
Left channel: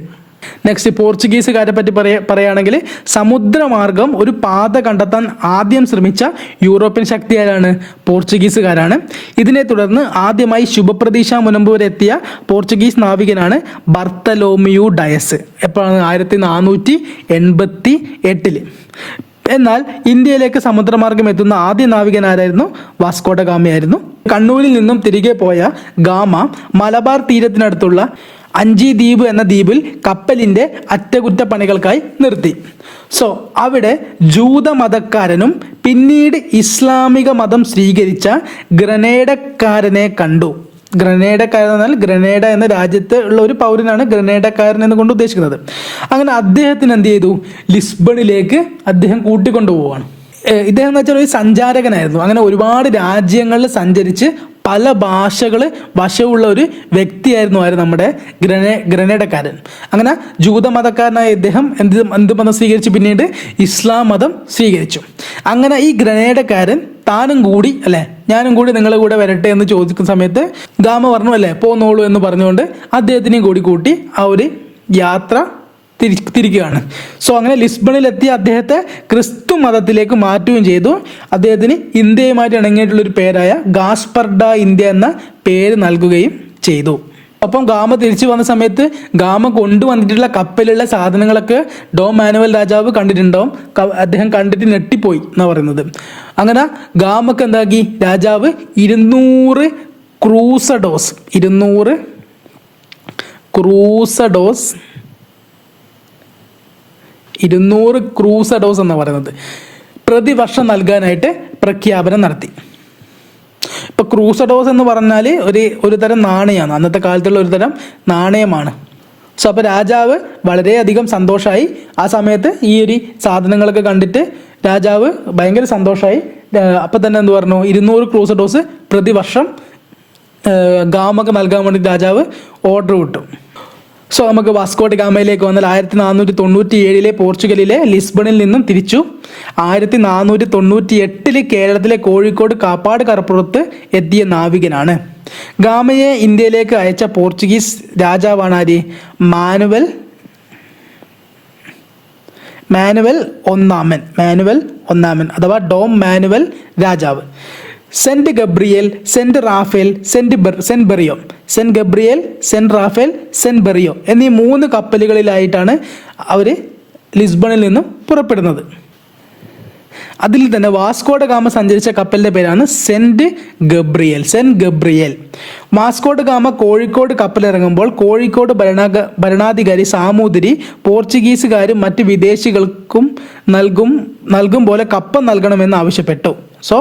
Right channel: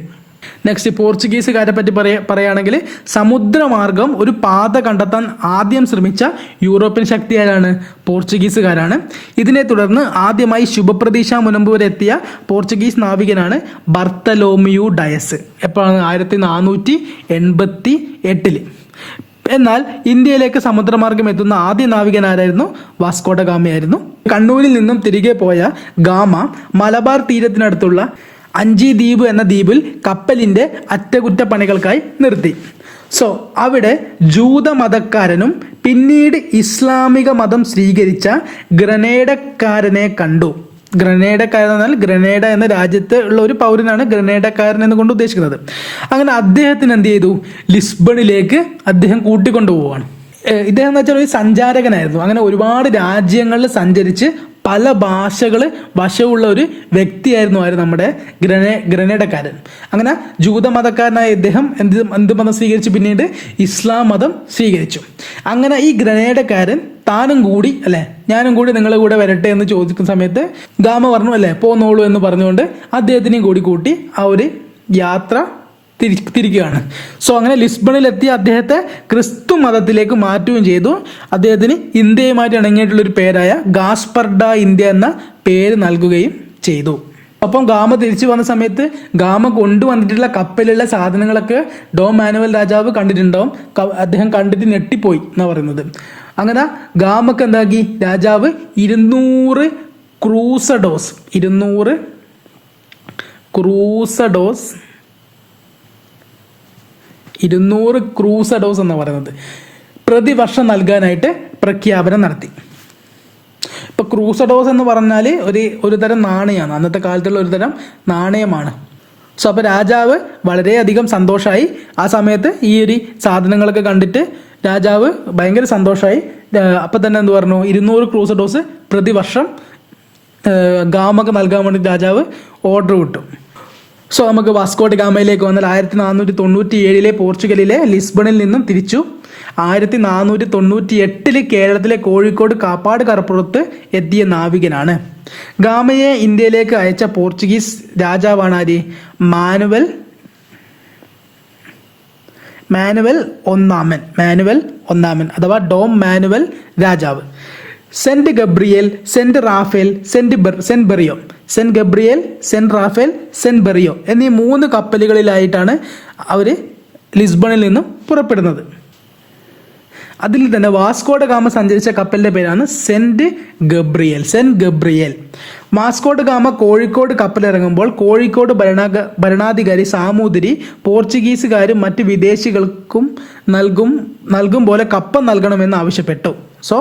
നെക്സ്റ്റ് പോർച്ചുഗീസുകാരെ പറ്റി പറയുകയാണെങ്കിൽ സമുദ്രമാർഗം ഒരു പാത കണ്ടെത്താൻ ആദ്യം ശ്രമിച്ച യൂറോപ്യൻ ശക്തി ആരാണ്, പോർച്ചുഗീസുകാരാണ്. ഇതിനെ തുടർന്ന് ആദ്യമായി ശുഭപ്രതീക്ഷ മുനമ്പ് വരെ എത്തിയ പോർച്ചുഗീസ് നാവികനാണ് ബർത്തലോമിയു ഡയസ്. എപ്പോഴാണ്, 1488. എന്നാൽ ഇന്ത്യയിലേക്ക് സമുദ്രമാർഗം എത്തുന്ന ആദ്യ നാവികൻ ആരായിരുന്നു, വാസ്കോ ഡ ഗാമയായിരുന്നു. കണ്ണൂരിൽ നിന്നും തിരികെ പോയ ഗാമ മലബാർ തീരത്തിനടുത്തുള്ള അഞ്ചി ദ്വീപ് എന്ന ദ്വീപിൽ കപ്പലിന്റെ അറ്റകുറ്റപ്പണികൾക്കായി നിർത്തി. സോ അവിടെ ജൂതമതക്കാരനും പിന്നീട് ഇസ്ലാമിക മതം സ്വീകരിച്ച ഗ്രനേഡക്കാരനെ കണ്ടു. ഗ്രനേഡക്കാരൻ എന്നാൽ ഗ്രനേഡ എന്ന രാജ്യത്ത് ഉള്ള ഒരു പൗരനാണ് ഗ്രനേഡക്കാരൻ എന്ന് കൊണ്ട് ഉദ്ദേശിക്കുന്നത്. അങ്ങനെ അദ്ദേഹത്തിന് എന്ത് ചെയ്തു, ലിസ്ബണിലേക്ക് അദ്ദേഹം കൂട്ടിക്കൊണ്ടുപോവാണ്. ഇദ്ദേഹം എന്ന് വെച്ചാൽ ഒരു സഞ്ചാരകനായിരുന്നു. അങ്ങനെ ഒരുപാട് രാജ്യങ്ങളിൽ സഞ്ചരിച്ച് പല ഭാഷകൾ വശമുള്ള ഒരു വ്യക്തിയായിരുന്നു നമ്മുടെ ഗ്രനേഡക്കാരൻ. അങ്ങനെ ജൂതമതക്കാരനായ ഇദ്ദേഹം എന്ത് മതം സ്വീകരിച്ചു, പിന്നീട് ഇസ്ലാം മതം സ്വീകരിച്ചു. അങ്ങനെ ഈ ഗ്രനേഡക്കാരൻ ഞാനും കൂടി നിങ്ങളെ കൂടെ വരട്ടെ എന്ന് ചോദിക്കുന്ന സമയത്ത് ഗാമ പറഞ്ഞു പോന്നോളൂ എന്ന് പറഞ്ഞുകൊണ്ട് അദ്ദേഹത്തിനെയും കൂടി കൂട്ടി ആ ഒരു യാത്ര തിരിക്കുകയാണ്. സോ അങ്ങനെ ലിസ്ബണിലെത്തിയ അദ്ദേഹത്തെ ക്രിസ്തു മതത്തിലേക്ക് മാറ്റുകയും ചെയ്തു. അദ്ദേഹത്തിന് ഇന്ത്യയുമായിട്ട് ഇണങ്ങിയിട്ടുള്ള ഒരു പേരായ ഗാസ്പർ ഡ ഇന്ത്യ എന്ന പേര് നൽകുകയും ചെയ്തു. ഒപ്പം ഗാമ തിരിച്ചു വന്ന സമയത്ത് ഗാമ കൊണ്ടുവന്നിട്ടുള്ള കപ്പലിലുള്ള സാധനങ്ങളൊക്കെ ഡോം മാനുവൽ രാജാവ് കണ്ടിട്ടുണ്ടാവും. അദ്ദേഹം കണ്ടിട്ട് ഞെട്ടിപ്പോയി എന്നാ പറയുന്നത്. അങ്ങനെ ഗാമക്ക് എന്താക്കി, രാജാവ് 200 ക്രൂസഡോസ് എന്ന് പറയുന്നത് പ്രതിവർഷം നൽകാനായിട്ട് പ്രഖ്യാപനം നടത്തി. ഇപ്പൊ ക്രൂസഡോസ് എന്ന് പറഞ്ഞാൽ ഒരു തരം നാണയമാണ്, അന്നത്തെ കാലത്തുള്ള ഒരു തരം നാണയമാണ്. സോ അപ്പോൾ രാജാവ് വളരെയധികം സന്തോഷമായി. ആ സമയത്ത് ഈ ഒരു സാധനങ്ങളൊക്കെ കണ്ടിട്ട് രാജാവ് ഭയങ്കര സന്തോഷമായി. അപ്പം തന്നെ എന്ത് പറഞ്ഞു, 200 ക്രൂസഡോസ് പ്രതിവർഷം ഗാമക്ക് നൽകാൻ വേണ്ടി രാജാവ് ഓർഡർ വിട്ടു. സോ നമുക്ക് വാസ്കോ ഡ ഗാമയിലേക്ക് വന്നാൽ 1497 പോർച്ചുഗലിലെ ലിസ്ബണിൽ നിന്നും തിരിച്ചു. 1498 കേരളത്തിലെ കോഴിക്കോട് കാപ്പാട് കടപ്പുറത്ത് എത്തിയ നാവികനാണ്. ഗാമയെ ഇന്ത്യയിലേക്ക് അയച്ച പോർച്ചുഗീസ് രാജാവാണ് ആര്? മാനുവൽ ഒന്നാമൻ അഥവാ ഡോം മാനുവൽ രാജാവ്. Saint Gabriel, Saint Raphael, Saint Berrio എന്നീ 3 കപ്പലുകളിലായിട്ടാണ് അവർ ലിസ്ബണിൽ നിന്നും പുറപ്പെടുന്നത്. അതിൽ തന്നെ വാസ്കോ ഡ ഗാമ സഞ്ചരിച്ച കപ്പലിന്റെ പേരാണ് Saint Gabriel. Vasco da Gama Kozhikode കപ്പലിറങ്ങുമ്പോൾ കോഴിക്കോട് ഭരണാധികാരി സാമൂതിരി പോർച്ചുഗീസുകാരും മറ്റ് വിദേശികൾക്കും നൽകും പോലെ കപ്പം നൽകണമെന്ന് ആവശ്യപ്പെട്ടു. സോ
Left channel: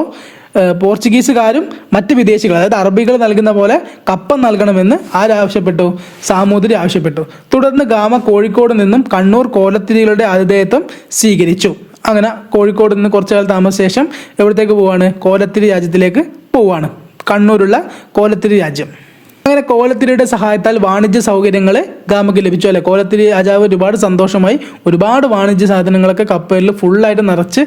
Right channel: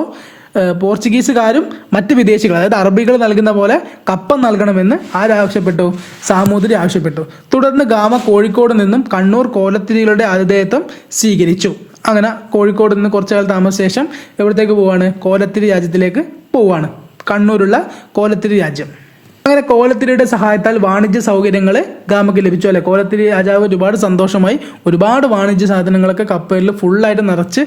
പോർച്ചുഗീസുകാരും മറ്റ് വിദേശികൾ, അതായത് അറബികൾ നൽകുന്ന പോലെ കപ്പം നൽകണമെന്ന് ആരാവശ്യപ്പെട്ടു? സാമൂതിരി ആവശ്യപ്പെട്ടു. തുടർന്ന് ഗാമ കോഴിക്കോട് നിന്നും കണ്ണൂർ കോലത്തിരികളുടെ ആതിഥേയത്വം സ്വീകരിച്ചു. അങ്ങനെ കോഴിക്കോട് നിന്ന് കുറച്ചു കാലം താമസിച്ച ശേഷം എവിടത്തേക്ക് പോവാണ്? കോലത്തിരി രാജ്യത്തിലേക്ക് പോവാണ്. കണ്ണൂരുള്ള കോലത്തിരി രാജ്യം. അങ്ങനെ കോലത്തിരിയുടെ സഹായത്താൽ വാണിജ്യ സൗകര്യങ്ങൾ ഗാമയ്ക്ക് ലഭിച്ചു. അല്ലെ, കോലത്തിരി രാജാവ് ഒരുപാട് സന്തോഷമായി. ഒരുപാട് വാണിജ്യ സാധനങ്ങളൊക്കെ കപ്പലിൽ ഫുള്ളായിട്ട് നിറച്ച്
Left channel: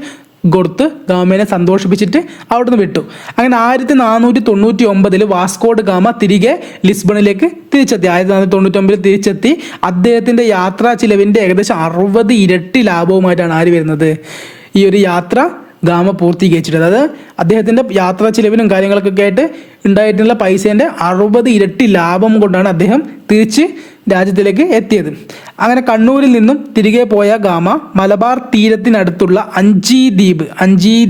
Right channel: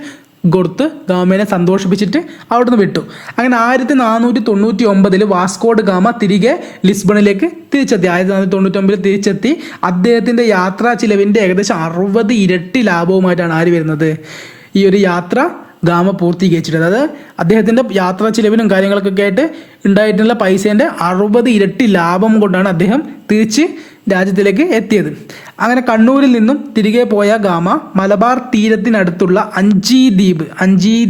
കൊടുത്ത് ഗാമേനെ സന്തോഷിപ്പിച്ചിട്ട് അവിടുന്ന് വിട്ടു. അങ്ങനെ 1499 വാസ്കോ ഡ ഗാമ തിരികെ ലിസ്ബണിലേക്ക് തിരിച്ചെത്തി. 1499 തിരിച്ചെത്തി. അദ്ദേഹത്തിന്റെ യാത്രാ ചിലവിന്റെ ഏകദേശം 60 ഇരട്ടി ലാഭവുമായിട്ടാണ് ആര് വരുന്നത്? ഈ ഒരു യാത്ര ഗാമ പൂർത്തീകരിച്ചിട്ട്. അതായത് അദ്ദേഹത്തിന്റെ യാത്രാ ചിലവിനും കാര്യങ്ങൾക്കൊക്കെ ആയിട്ട് ഉണ്ടായിട്ടുള്ള പൈസേന്റെ 60 ഇരട്ടി ലാഭം കൊണ്ടാണ് അദ്ദേഹം തിരിച്ച് രാജ്യത്തിലേക്ക് എത്തിയത്. അങ്ങനെ കണ്ണൂരിൽ നിന്നും തിരികെ പോയ ഗാമ മലബാർ തീരത്തിനടുത്തുള്ള അഞ്ചി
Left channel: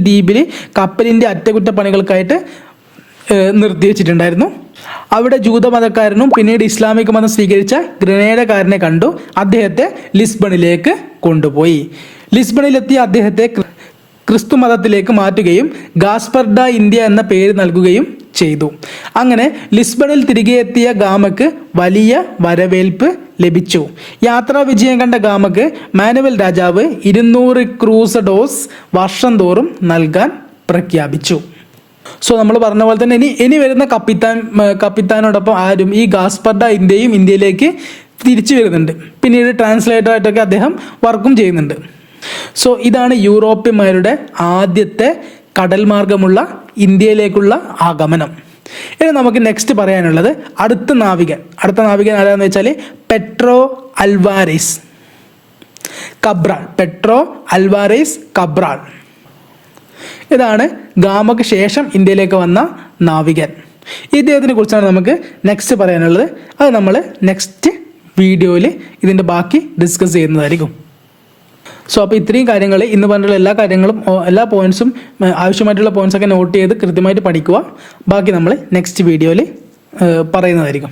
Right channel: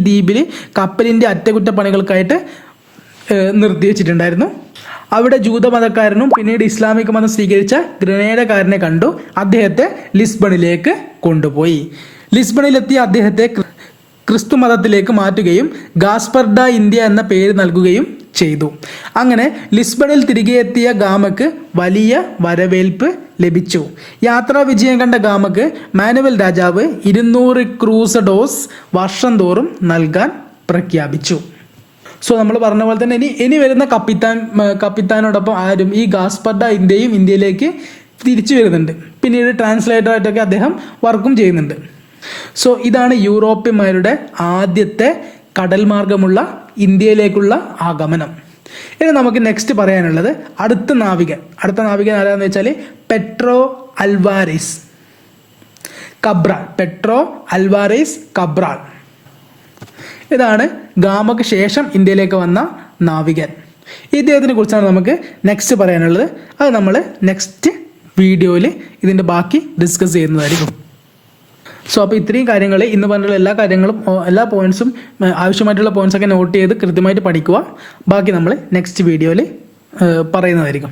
ദ്വീപിൽ കപ്പലിന്റെ അറ്റകുറ്റപ്പണികൾക്കായിട്ട് നിർത്തിവെച്ചിട്ടുണ്ടായിരുന്നു. അവിടെ ജൂതമതക്കാരനും പിന്നീട് ഇസ്ലാമിക മതം സ്വീകരിച്ച ഗ്രനേഡക്കാരനെ കണ്ടു. അദ്ദേഹത്തെ ലിസ്ബണിലേക്ക് കൊണ്ടുപോയി. ലിസ്ബണിലെത്തിയ അദ്ദേഹത്തെ ക്രിസ്തു മതത്തിലേക്ക് മാറ്റുകയും ഗാസ്പർ ഡ ഇന്ത്യ എന്ന പേര് നൽകുകയും ചെയ്തു. അങ്ങനെ ലിസ്ബണിൽ തിരികെ എത്തിയ ഗാമയ്ക്ക് വലിയ വരവേൽപ്പ് ലഭിച്ചു. യാത്രാ വിജയം കണ്ട ഗാമയ്ക്ക് മാനുവൽ രാജാവ് 200 ക്രൂസഡോസ് വർഷം തോറും നൽകാൻ പ്രഖ്യാപിച്ചു. സോ നമ്മൾ പറഞ്ഞ പോലെ തന്നെ ഇനി വരുന്ന കപ്പിത്താനോടൊപ്പം ആരും ഈ ഗാസ്പർ ഡ ഇന്ത്യയിലേക്ക് തിരിച്ചു വരുന്നുണ്ട്. പിന്നീട് ട്രാൻസ്ലേറ്ററായിട്ടൊക്കെ അദ്ദേഹം വർക്കും ചെയ്യുന്നുണ്ട്. സോ ഇതാണ് യൂറോപ്യന്മാരുടെ ആദ്യത്തെ കടൽ മാർഗമുള്ള ഇന്ത്യയിലേക്കുള്ള ആഗമനം. ഇനി നമുക്ക് നെക്സ്റ്റ് പറയാനുള്ളത് അടുത്ത നാവികൻ ആരാന്ന് വെച്ചാൽ പെട്രോ അൽവാരേസ് കബ്രാൾ. ഇതാണ് ഗാമയ്ക്ക് ശേഷം ഇന്ത്യയിലേക്ക് വന്ന നാവികൻ. ഇദ്ദേഹത്തിനെ കുറിച്ചാണ് നമുക്ക് നെക്സ്റ്റ് പറയാനുള്ളത്. അത് നമ്മൾ നെക്സ്റ്റ് വീഡിയോയിൽ ഇതിൻ്റെ ബാക്കി ഡിസ്കസ് ചെയ്യുന്നതായിരിക്കും. സോ അപ്പോൾ ഇത്രയും കാര്യങ്ങൾ, ഇന്ന് പറഞ്ഞിട്ടുള്ള എല്ലാ കാര്യങ്ങളും, എല്ലാ പോയിന്റ്സും, ആവശ്യമായിട്ടുള്ള പോയിന്റ്സൊക്കെ നോട്ട് ചെയ്ത് കൃത്യമായിട്ട് പഠിക്കുക. ബാക്കി നമ്മൾ നെക്സ്റ്റ് വീഡിയോയിൽ പറയുന്നതായിരിക്കും.